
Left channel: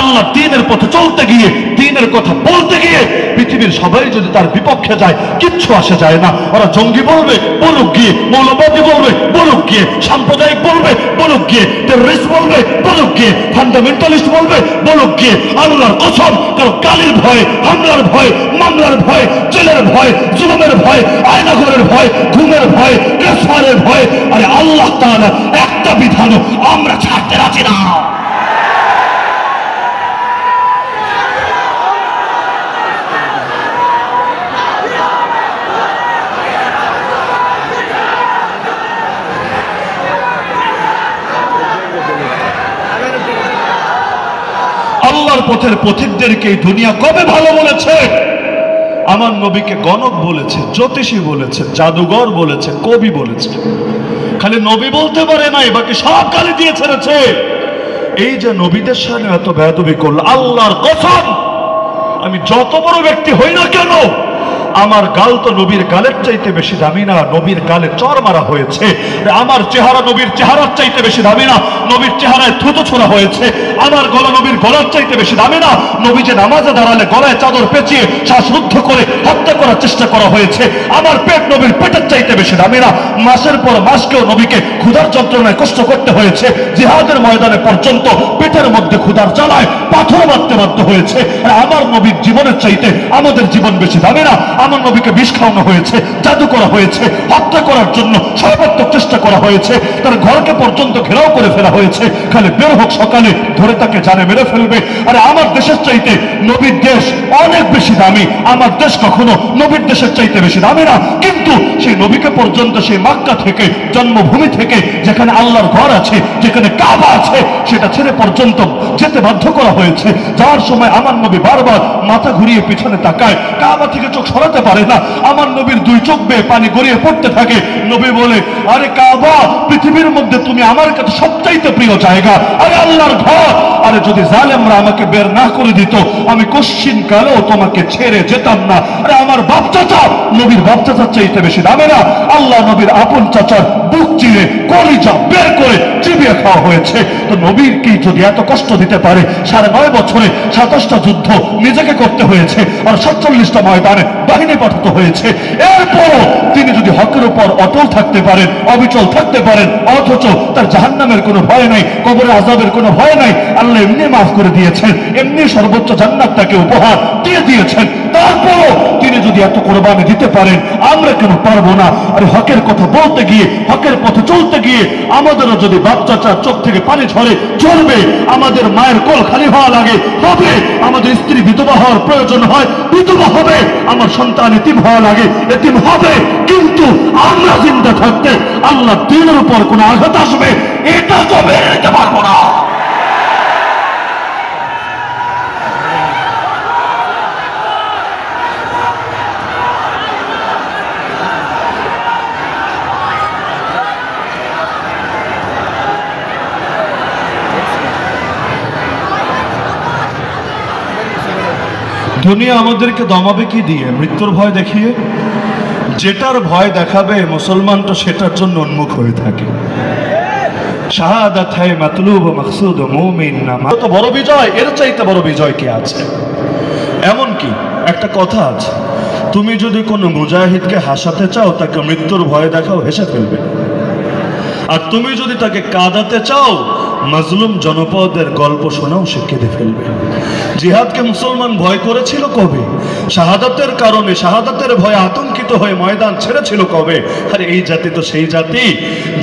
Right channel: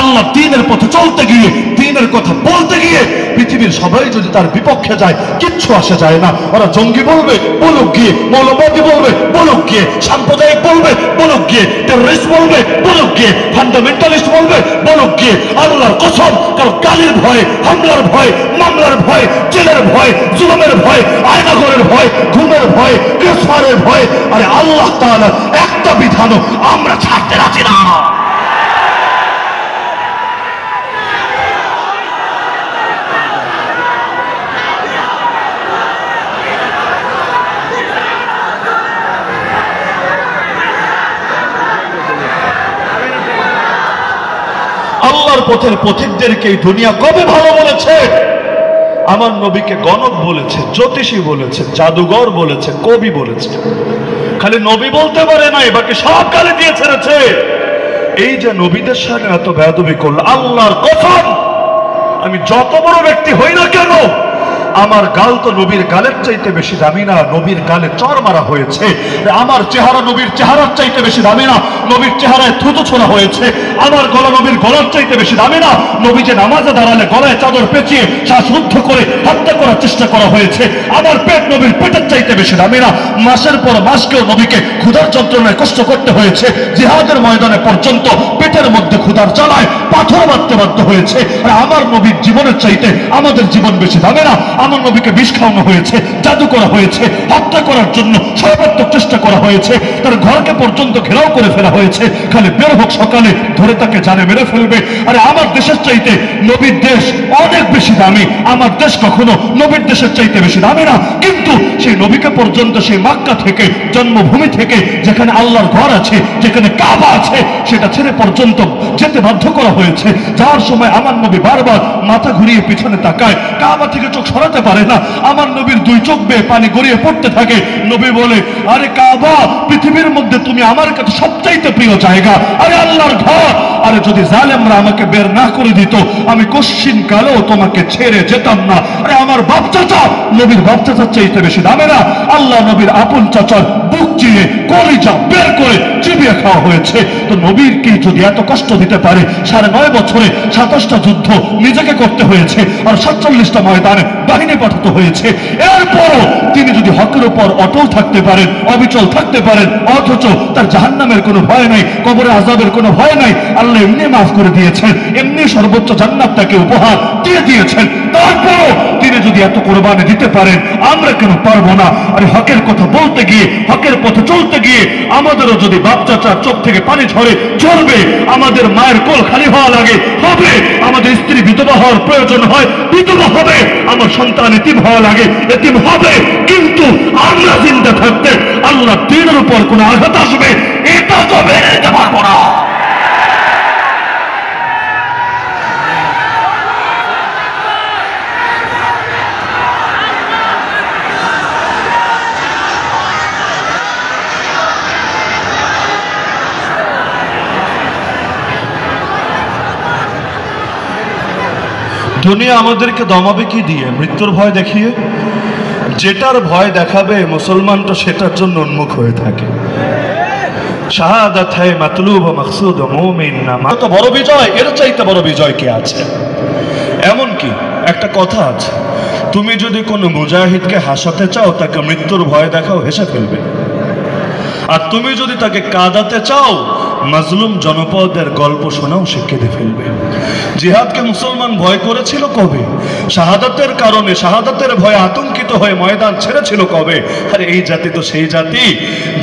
আল্লাহ দ্বীনের পথে চলতে গিয়ে, দ্বীনের কথা বলতে গিয়ে পৃথিবীর সবাই যদি তার বিপক্ষে যায়, কিচ্ছু আসে যায় না। ওরা জঙ্গি বলবে, বলুক গিয়ে। মৌলবাদী বলবে, বলুক গিয়ে। সাম্প্রদায়িক বলবে, বলুক গিয়ে। টেররিস্ট বলবে, বলুক গিয়ে। ফান্ডামেন্টালিস্ট বলবে, বলুক গিয়ে। আল্লাহর কসম, কারো গালির ভয়, হামলার ভয়, মামলার ভয়, জেলের ভয়, জুলুমের ভয়, আয়নাঘরের ভয়, ঘুমের ভয়, গ্রেফতারের ভয়, আরে আল্লাহ তাআলা একটা বিধানও আমরা ছাড়তে রাজি না। আল্লাহর পথের পথিকদেরকে এই দুনিয়া কবে ভালো বলেছে? আমার নবীকে গণক বলেছে, জ্যোতিষী বলেছে, জাদুঘর বলেছে, কবি বলেছে। খালি নবী বলতে পারে নাই, বাকি সব গালি দিয়ে ছেড়েছে। এই যে নবীদের সামনে এত বেয়াদবি করলো, আল্লাহর কসম, আমি যত বড় ব্যক্তি হই না কেন, আমার গাল তো নবীর গালের চাইতে বেশি দামি না। নবীর গালে চর মারা হয়েছে। আমার চেহারা নবীর চেহারার চাইতে বেশি দামি না। নবীর চেহারায় থুতু ছোড়া হয়েছে। আমার গলা নবীর গলার চাইতে বেশি দামি না। নবী যে নামাজে দাঁড়ালে গলায় চাদর পেঁচিয়ে শ্বাসরুদ্ধ করে হত্যা করার চেষ্টা করা হয়েছে। আমার পেট নবীর পেটের চাইতে বেশি দামি না। মাসের পর মাসকেও নবীকে ক্ষুধার যন্ত্রণায় কষ্ট করতে হয়েছে। জিহাদের ময়দানে পর্যন্ত পেটের মধ্যে ক্ষুধার জ্বালায় পাথর মারতে বাধ্য হয়েছে। আর আমার নবীর জীবনের চাইতে আমাদের জীবন বেশি দামি না। আমার নবীকে বিষ খাওয়ানো হয়েছে, জাদু করা হয়েছে, হত্যা করার জন্য সর্বাত্মক চেষ্টা করা হয়েছে। তার ঘরকে পর্যন্ত ঘেরাও করে ফেলা হয়েছে। খালি বের হোক সকালে, ধরে তাকে জানে মেরে ফেলবে। আরে আমার দেশের চাইতে নবীর দেশ অনেক বেশি দামি। আমার দেশ কখনো নবীর দেশের চাইতে বেশি দামি না। কিন্তু সেই নবীকে পর্যন্ত সেই মক্কা থেকে, জন্মভূমি থেকে, যেখানে আল্লাহর ঘর আছে, যেখানে কাবা আছে, সেটা ছেড়ে পর্যন্ত যেতে বাধ্য করা হয়েছে। যাওয়ার সময় আমার নবী বারবার মাথা ঘুরিয়ে পিছনে তাকায়, কাবা থেকে চোখ সরাতে পারে না। আমার নবীর দুই চোখ বেয়ে পানি গড়িয়ে পড়তে থাকে। নবী বলে, আরে কাবা, পৃথিবীর মধ্যে তুমি আমার কাছে সবচাইতে প্রিয় জায়গা। আরে আল্লাহর ঘর, আরে যদি জালেমরা আমাকে বের না করে দিত, আমি কশ্চিন কালে হলেও তোমাকে ছেড়ে যেতাম না। আরে আমার বাপ চাচা নবীর বাপ চাচার চাইতে বেশি দামে না? আল্লাহ নবীর আপন চাচার বুক চিরে কলিজা বের করে চিবিয়ে খাওয়া হয়েছে। তো নবীর কি যদি এত কষ্ট দিতে পারে, 9.5 বছরে 27টা যুদ্ধ নিজেকে করতে হয়েছে, আর 47টা ময়দানে বাহিনী পাঠাতে হয়েছে, এরপরও তিনি যদি হকের উপর অটল থাকতে পারেন, অবিচল থাকতে পারেন, অথচ তার জাহান্নামের কোনো ভয় নাই, কবরে আযাবের কোনো ভয় নাই, আল্লাহ এমনি মাফ করে দিয়েছেন, এমনি সর্বোচ্চ জান্নাত তাকে উপহার দিয়ে দিয়েছেন, তারপরও তিনি যদি এত কোরবানি দিতে পারেন, আমরা কেন পারবো না? আর হকের কথা বলতে গিয়ে, হকের পথে চলতে গিয়ে আমাদেরও যদি বাপ চাচার চোখ থেকে পানি ঝরে, চলবে। আমাদের মায়ের কোল খালি হওয়া লাগে, হবে। আমাদের স্ত্রী বিধবা হওয়ার প্রয়োজন হয়, বিধবা হবে। আমার সন্তান এতিম হওয়া লাগে, এতিম হবে। কিন্তু আমরা জিন্দা থাকতে আল্লাহ দ্বীনের উপর কোন আঘাত আসবে, এটা তো মেনে নিতে পারবো না। দুনিয়া আমাদেরকে দমাবে কি দিয়ে? মৃত্যুর ভয় দেখিয়ে। যেটার ভয় দেখাবে মুসলমান তো সেটার জন্য উন্মুখ হয়ে থাকে। শাহাদাত হয় মাতলুব ও মাকসুদ ও মুমিন নামা। তো বড় বিজয়, এর চাইতে বড় বিজয় কি আছে? এমন কি একটা কথা আছে, তুমি যদি কোনো মুজাহিদকে হাসাতে চাও, তাকে মৃত্যুর ভয় দেখাও, হেসে ফেলবে। আর তুমি যদি তাকে কাঁদাতে চাও, মাজলুম জনপদের গল্প শোনাও, সে কেঁদে ফেলবে। জিহাদকে মুসলমান ভয় করেছিল কবে? শাহাদাতের কারণে, শাহাদাতের ভয়ে আতঙ্কিত হয়ে ময়দান ছেড়েছিল কবে? আরে এই জাতি তো সেই জাতি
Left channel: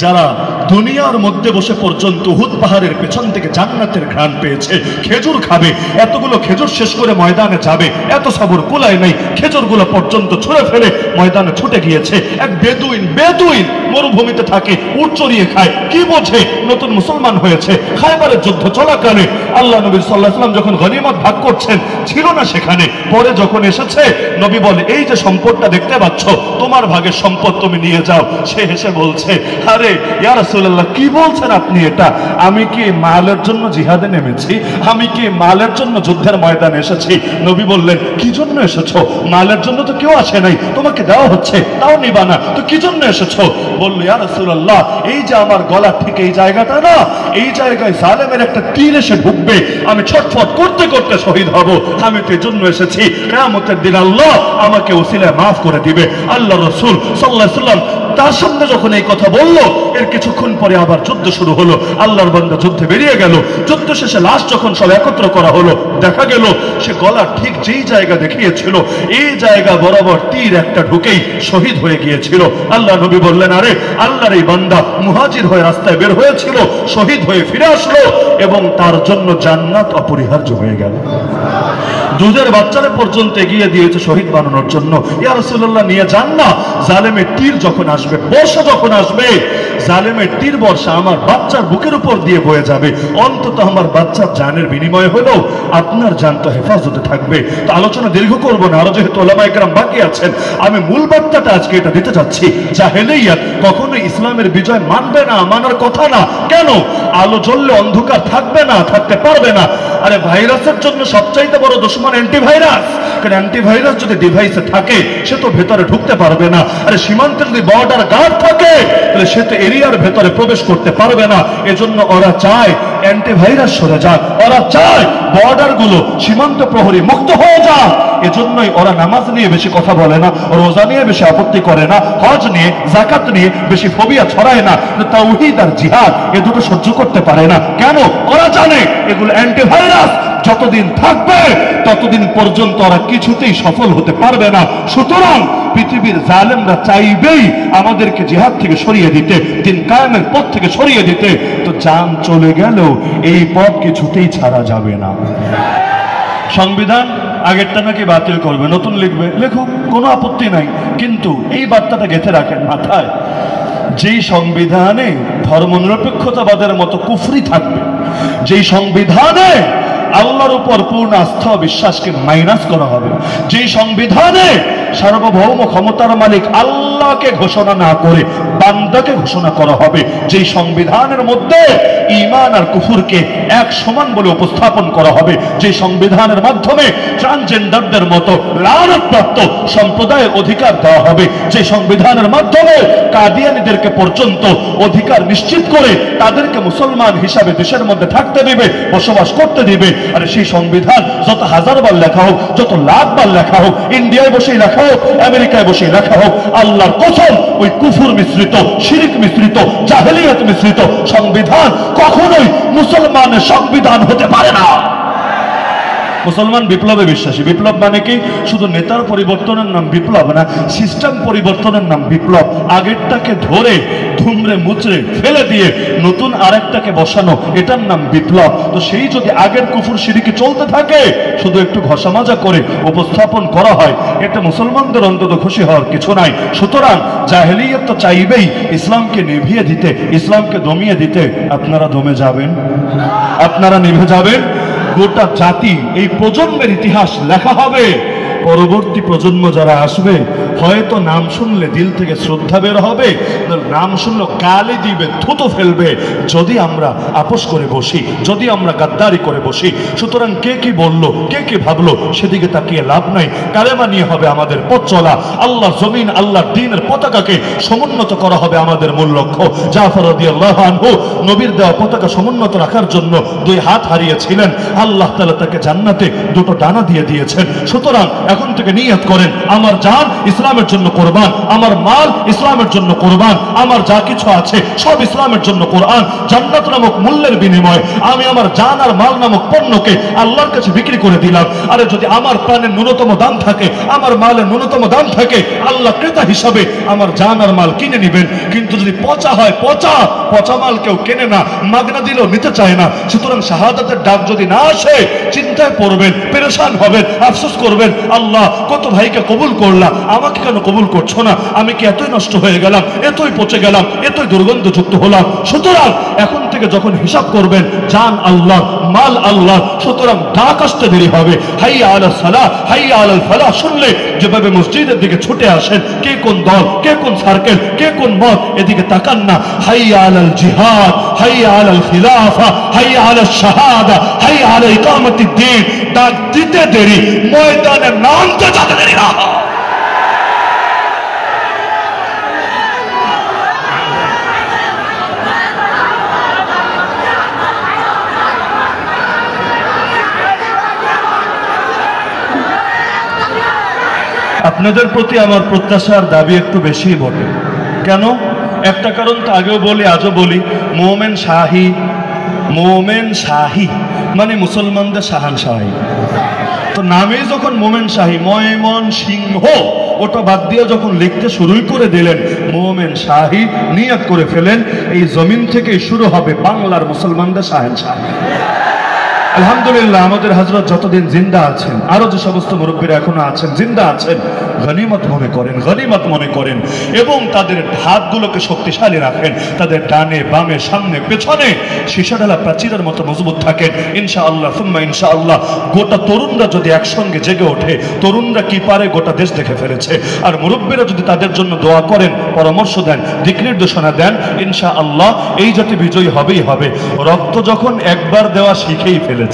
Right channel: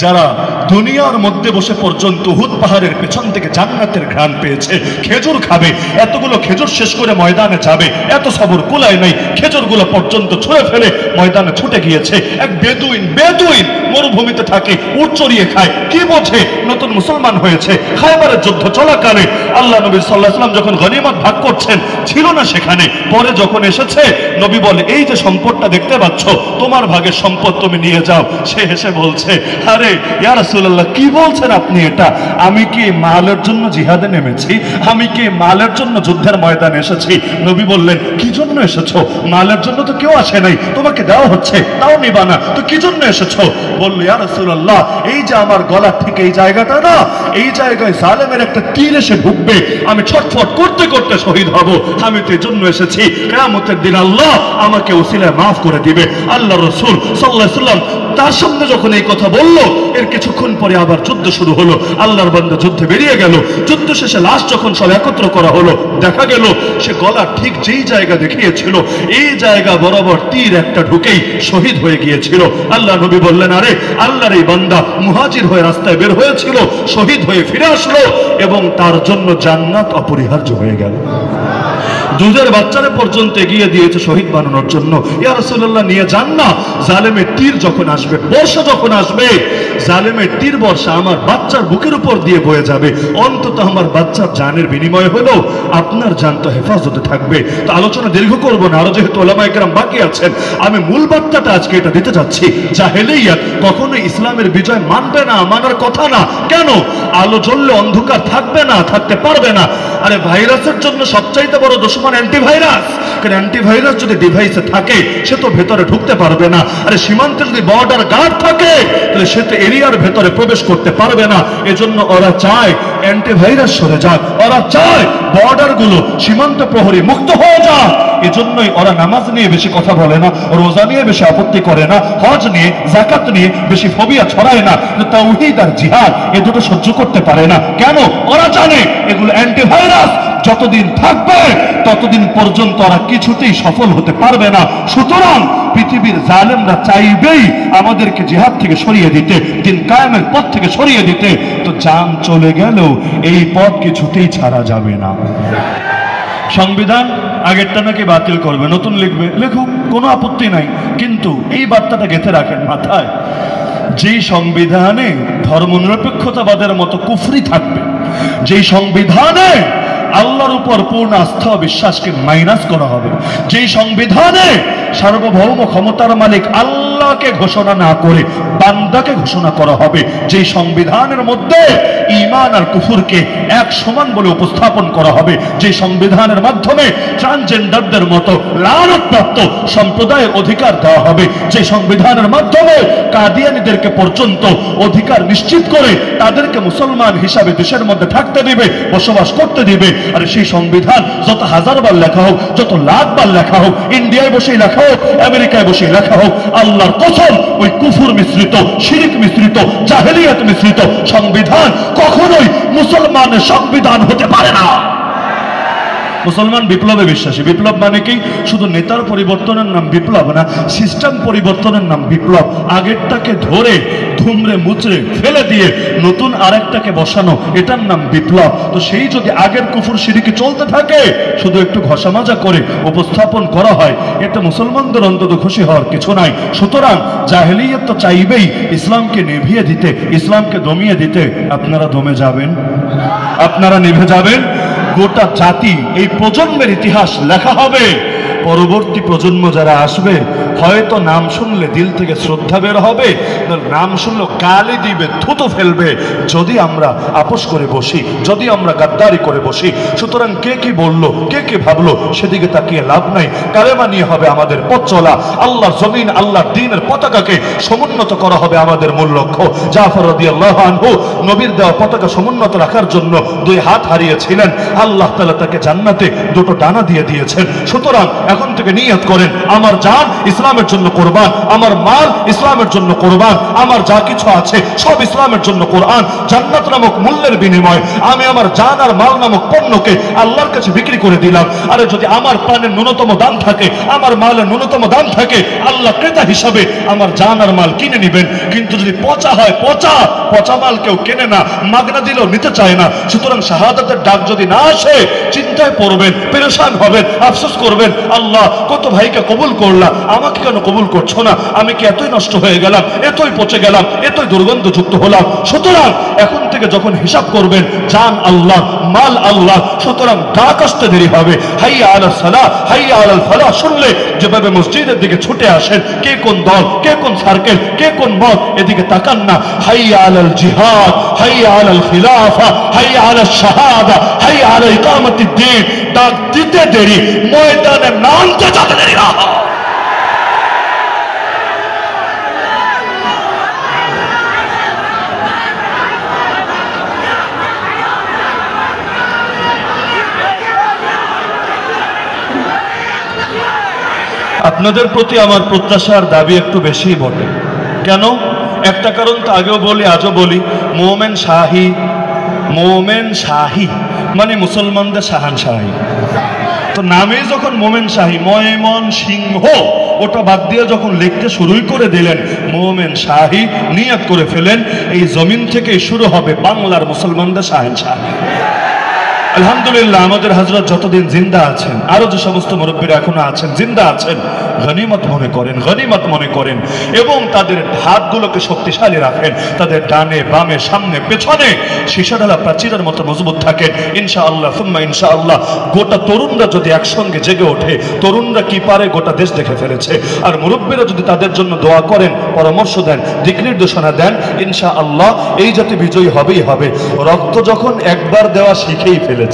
যারা দুনিয়ার মধ্যে বসে পর্যন্ত উহুদ পাহাড়ের পেছন থেকে জান্নাতের ঘ্রাণ পেয়েছে। খেজুর খাবে, এতগুলো খেজুর শেষ করে ময়দানে যাবে, এত সবর কুলায় নাই, খেজুরগুলো পর্যন্ত ছুঁড়ে ফেলে ময়দানে ছুটে গিয়েছে। এক বেদুইন মরুভূমিতে থাকে, উট চড়িয়ে খায়, কি বোঝে? নতুন মুসলমান হয়েছে। খায়বারের যুদ্ধ চলাকালে আল্লাহ নবী সাল্লাল্লাহু আলাইহি ওয়াসাল্লাম যখন গনিমত ভাগ করছেন, ছিল না সেখানে। পরে যখন এসেছে, নবী বলে, এই যে সম্পদটা দেখতে পাচ্ছ, তোমার ভাগের সম্পদ তুমি নিয়ে যাও। সে হেসে বলছে, আরে ইয়া রাসূলুল্লাহ, কি বলছেন আপনি এটা? আমি কি মালের জন্য জিহাদে নেমেছি? আমি কি মালের জন্য যুদ্ধের ময়দানে এসেছি? নবী বললেন, কি জন্য এসেছো? মালের জন্য তো কেউ আসে নাই, তোমাকে দেওয়া হচ্ছে, তাও নিবা না, তো কি জন্য এসেছো? বলল, ইয়া রাসূলুল্লাহ, এই যে আমার গলা ঠিক এই জায়গাটা না, এই জায়গায় জালেমের একটা তীর এসে ঢুকবে, আমি ছটফট করতে করতে শহীদ হব। আমি তো এই জন্য এসেছি, কিয়ামতের দিন আল্লাহ আমাকে ওসিলায় মাফ করে দিবে। আল্লাহ রাসূল সাল্লাল্লাহু আলাইহি ওয়াসাল্লাম তার সামনে যখন এই কথা বলল, এর কিছুক্ষণ পরে আবার যুদ্ধ শুরু হলো। আল্লাহর বান্দা যুদ্ধে বেরিয়ে গেল। যুদ্ধ শেষে লাশ যখন সব একত্র করা হলো, দেখা গেল সে গলা ঠিক যেই জায়গা দেখিয়েছিল, এই জায়গা বরাবর তীর একটা ঢুকেই শহীদ হয়ে গিয়েছিল। আল্লাহ নবী বললেন, আরে আল্লাহর এই বান্দা মুহাজির হয়ে রাস্তায় বের হয়েছিল, শহীদ হয়ে ফিরে আসলো, এবং তার জন্য জান্নাত অপরিহার্য হয়ে গেল। দুধের বাচ্চারা পর্যন্ত এগিয়ে দিয়েছে শহীদ বানানোর জন্য। ইয়া রাসূলুল্লাহ, নিয়ে যান না। জালেমের তীর যখন আসবে, বর্ষা যখন আসবে, জালেমের তীর বর্ষা আমার বাচ্চার বুকের উপর দিয়ে বয়ে যাবে, অন্তত আমার বাচ্চার জানের বিনিময় হলেও আপনার জান তো হেফাজতে থাকবে। তো আলোচনা দীর্ঘ করব না, আরো যেহেতু ওলামায়ে কেরাম বাকি আছেন, আমি মূল বার্তাটা আজকে এটা দিতে চাচ্ছি। জাহেলিয়াত কখনোই ইসলামের বিজয় মানবে না, মানার কথা না। কেন? আলো জ্বললে অন্ধকার থাকবে না, থাকতে পারবে না। আরে ভাইরাসের জন্য সবচাইতে বড় দুশমন অ্যান্টিভাইরাস। কারণ অ্যান্টিভাইরাস যদি ডিভাইসে থাকে, সে তো ভেতরে ঢুকতে পারবে না। আরে সীমান্তে যদি বর্ডার গার্ড থাকে, তাহলে সে তো এরিয়ার ভেতরে প্রবেশ করতে পারবে না। এজন্য ওরা চায় অ্যান্টিভাইরাস সরে যাক, ওরা চায় বর্ডার গুলো সীমান্ত প্রহরী মুক্ত হয়ে যাক। এজন্যই ওরা নামাজ নিয়ে বেশি কথা বলে না, রোজা নিয়ে বেশি আপত্তি করে না, হজ নিয়ে, যাকাত নিয়ে বেশি ফোবিয়া ছড়ায় না। তাওহীদ আর জিহাদ এ দুটো সহ্য করতে পারে না। কেন? ওরা জানে এগুলো অ্যান্টিভাইরাস, যতদিন থাকবে ততদিন পর্যন্ত ওরা কিছুতেই সফল হতে পারবে না। সুতরাং পৃথিবীর জালেমরা চাইবেই আমাদেরকে জিহাদ থেকে সরিয়ে দিতে, দিন কায়েমের পথ থেকে সরিয়ে দিতে। তো জান চলে গেলেও এই পথ কিছুতেই ছাড়া যাবে না। সংবিধান আগেরটা নাকি বাতিল করবে, নতুন লিখবে, লেখুক, কোনো আপত্তি নাই। কিন্তু এই বার্তাটা গেঁথে রাখেন মাথায়, যেই সংবিধানে ধর্মনিরপেক্ষতাবাদের মতো কুফরি থাকবে, যেই সংবিধানে আল্লাহর উপর পূর্ণ আস্থা বিশ্বাসকে মাইনাস করা হবে, যেই সংবিধানে সার্বভৌম ক্ষমতার মালিক আল্লাহ আল্লাহকে ঘোষণা না করে বান্দাকে ঘোষণা করা হবে। যেই সংবিধানের মধ্যে ঈমান আর কুফরকে এক সমান বলে উপস্থাপন করা হবে, যে সংবিধানের মাধ্যমে ট্রান্সজেন্ডারদের মতো লানতপ্রাপ্ত সম্প্রদায়ের অধিকার দেওয়া হবে, যে সংবিধানের মাধ্যমে কাদিয়ানীদেরকে পর্যন্ত অধিকার নিশ্চিত করে তাদেরকে মুসলমান হিসাবে দেশের মধ্যে থাকতে দিবে, বসবাস করতে দিবে। আর সেই সংবিধান যত হাজারবার লেখা হোক, যত লাখবার লেখা হোক, ইন্ডিয়ায় বসেই লেখা হোক, আমেরিকায় বসেই লেখা হোক, আল্লাহর কসম ওই কুফর মিশ্রিত, শিরক মিশ্রিত, জাহেলিয়াত মিশ্রিত সংবিধান কখনোই মুসলমানের সংবিধান হতে পারে না। মুসলমান বিপ্লবে বিশ্বাসী। বিপ্লব মানে কি? শুধু নেতার পরিবর্তনের নাম বিপ্লব না, সিস্টেম পরিবর্তনের নাম বিপ্লব। আগেরটাকে ধরে ধুমড়ে মুচড়ে ফেলে দিয়ে নতুন আরেকটাকে বসানো, এটার নাম বিপ্লব। তো সেই যদি আগের কুফর শিরকি চলতে থাকে, শুধু একটু ঘষা মাজা করে উপস্থাপন করা হয়, এটা মুসলমানদের অন্তত খুশি হওয়ার কিছু নাই। সুতরাং জাহেলিয়ত তো চাইবেই ইসলামকে নিভিয়ে দিতে, ইসলামকে দমিয়ে দিতে। আপনারা দমে যাবেন, আপনারা নিভে যাবেন। গোটা জাতি, এই প্রজন্মের ইতিহাস লেখা হবে। পরবর্তী প্রজন্ম যারা আসবে, হয়তো নাম শুনলে দিল থেকে শ্রদ্ধা বের হবে, নাম শুনলে গালি দিবে, থুতু ফেলবে যদি আমরা আপোষ করে বসি, যদি আমরা গাদ্দারি করে বসি। সুতরাং কে কি বললো, কে কি ভাবলো, সেদিকে তাকিয়ে লাভ নাই। কালেমা নিয়ে হবে আমাদের পথ চলা। আল্লাহর জমিন, আল্লাহর দ্বীনের পতাকাকে সমুন্নত করা হবে আমাদের মূল লক্ষ্য। জাফর রাদিয়াল্লাহু আনহু নবীর দেওয়া পতাকা সমুন্নত রাখার জন্য 2 হাত হারিয়েছিলেন। আল্লাহ তাআলা তাকে জান্নাতে 2টো ডানা দিয়ে দিয়েছেন। সুতরাং এখন থেকে নিয়ত করেন, আমার জান ইসলামের জন্য কোরবান, আমার মাল ইসলামের জন্য কোরবান, আমার যা কিছু আছে সব ইসলামের জন্য কোরবান। জান্নাত নামক মূল্যের বিনিময়ে আমি আমার জান আর মাল নামক পণ্যকে আল্লাহর কাছে বিক্রি করে দিলাম। আরে যদি আমার প্রাণের ন্যূনতম দাম থাকে, আমার মালের ন্যূনতম দাম থাকে, আল্লাহ ক্রেতা হিসাবে আমার জান আর মাল কিনে নেবেন। কিন্তু যদি পচা হয়, পচা মাল কেউ কেনে না, মাগনা দিলেও নিতে চায় না। সুতরাং শাহাদাতের ডাক যদি না আসে, চিন্তায় পড়বেন, পেরেশান হবেন, আফসোস করবেন, আল্লাহ কত ভাইকে কবুল করলাম, আমাকে কেন কবুল করছো না? আমি কি এতই নষ্ট হয়ে গেলাম, এতই পচে গেলাম, এতই দুর্গন্ধযুক্ত হলাম? সুতরাং এখন থেকে যখন হিসাব করবেন, জান আল্লাহ, মাল আল্লাহ। সুতরাং ডাক আসতে দেরি হবে। হাইয়া আলাস সালাহ, হাইয়া আলাল ফালাহ শুনলে যেভাবে মসজিদের দিকে ছুটে আসেন, কে কোন দল, কে কোন সার্কেল, কে কোন মত, এদিকে তাকান না। হাইয়া আলাল জিহাদ, হাইয়া আলাল খিলাফা, হাইয়া আলাল শাহাদা, হাইয়া আলা ইকামাতিদ দ্বীন। ডাক দিতে দেরি, ময়দানে নামতে যাতে দেরি না হয়। আপনাদের প্রতি আমার প্রত্যাশার দাবি একটু বেশি বটে। কেন? একটা কারণ তো আগেও বলি, আজও বলি, মোমেন শাহী মানে মুসলমানদের শাহানশাহী। তো নামে যখন মোমেন শাহী, ময়মন সিংহ, ওটা বাদ দিয়ে যখন লিখতে শুরুই করে দিলেন মোমেন শাহী, নিয়ত করে ফেলেন এই জমিন থেকেই শুরু হবে বাংলার মুসলমানদের শাহানশাহী। আলহামদুলিল্লাহ, আমাদের হযরত যতদিন জিন্দা আছেন, আরো যে সমস্ত মুরব্বীরা এখনো আছেন, জিন্দা আছেন, গনিমত মনে করেন, গনিমত মনে করেন এবং তাদের হাতগুলোকে শক্তিশালী রাখেন। তাদের ডানে বামে সামনে পেছনে সীসাঢালা প্রাচীরের মতো মজবুত থাকেন। ইনশাআল্লাহ সুম্মা ইনশাআল্লাহ গোটা তরুণরা যদি একসঙ্গে জেগে ওঠে, তরুণরা কি পারে গোটা দেশ দেখে ফেলেছে। আর মুরব্বীরা যদি তাদের জন্য দোয়া করেন, পরামর্শ দেন, দিক নির্দেশনা দেন, ইনশাআল্লাহ এই জাতি বিজয়ী হবেই হবে। রক্ত যখন একবার দেওয়া শিখেই ফেলেছে,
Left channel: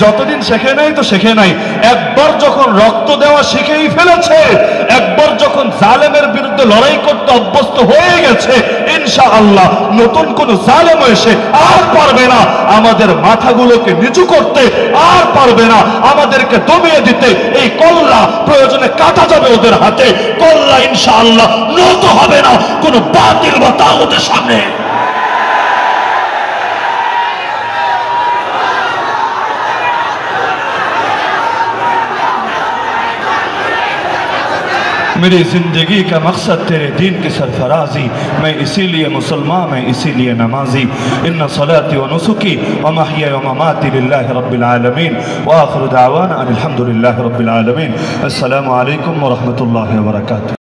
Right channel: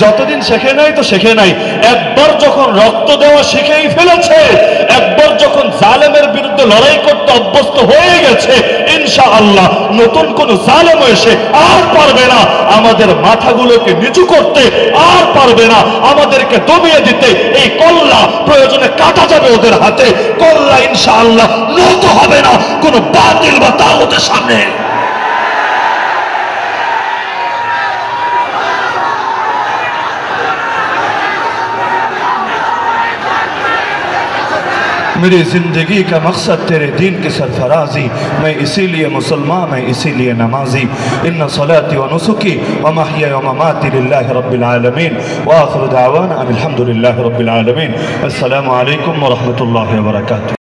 যতদিন শেখে নাই তো শেখে নাই, একবার যখন রক্ত দেওয়া শিখেই ফেলেছে, একবার যখন জালেমের বিরুদ্ধে লড়াই করতে অভ্যস্ত হয়ে গেছে, ইনশাআল্লাহ নতুন কোন জালেম এসে আর পারবে না আমাদের মাথাগুলোকে নিচু করতে, আর পারবে না আমাদেরকে দমিয়ে দিতে। এই কল্লা প্রয়োজনে কাটা যাবে ওদের হাতে, কল্লা ইনশাআল্লাহ নত হবে না কোন বাতিল বা তাগুতের সামনে। मेरी जिंदगी का मकसद तेरे दीन की सरफराजी, मैं इसीलिए मुसलमान, मैं इसीलिए नमाजी। इन्ना सलाती व नुसुकी व महया व ममाती लिल्लाहि रब्बिल आलमीन व आखिरु दावाना अनिल हम्दुलिल्लाहि रब्बिल आलमीन। अस्सलामु अलैकुम व रहमतुल्लाहि व बरकातुहू।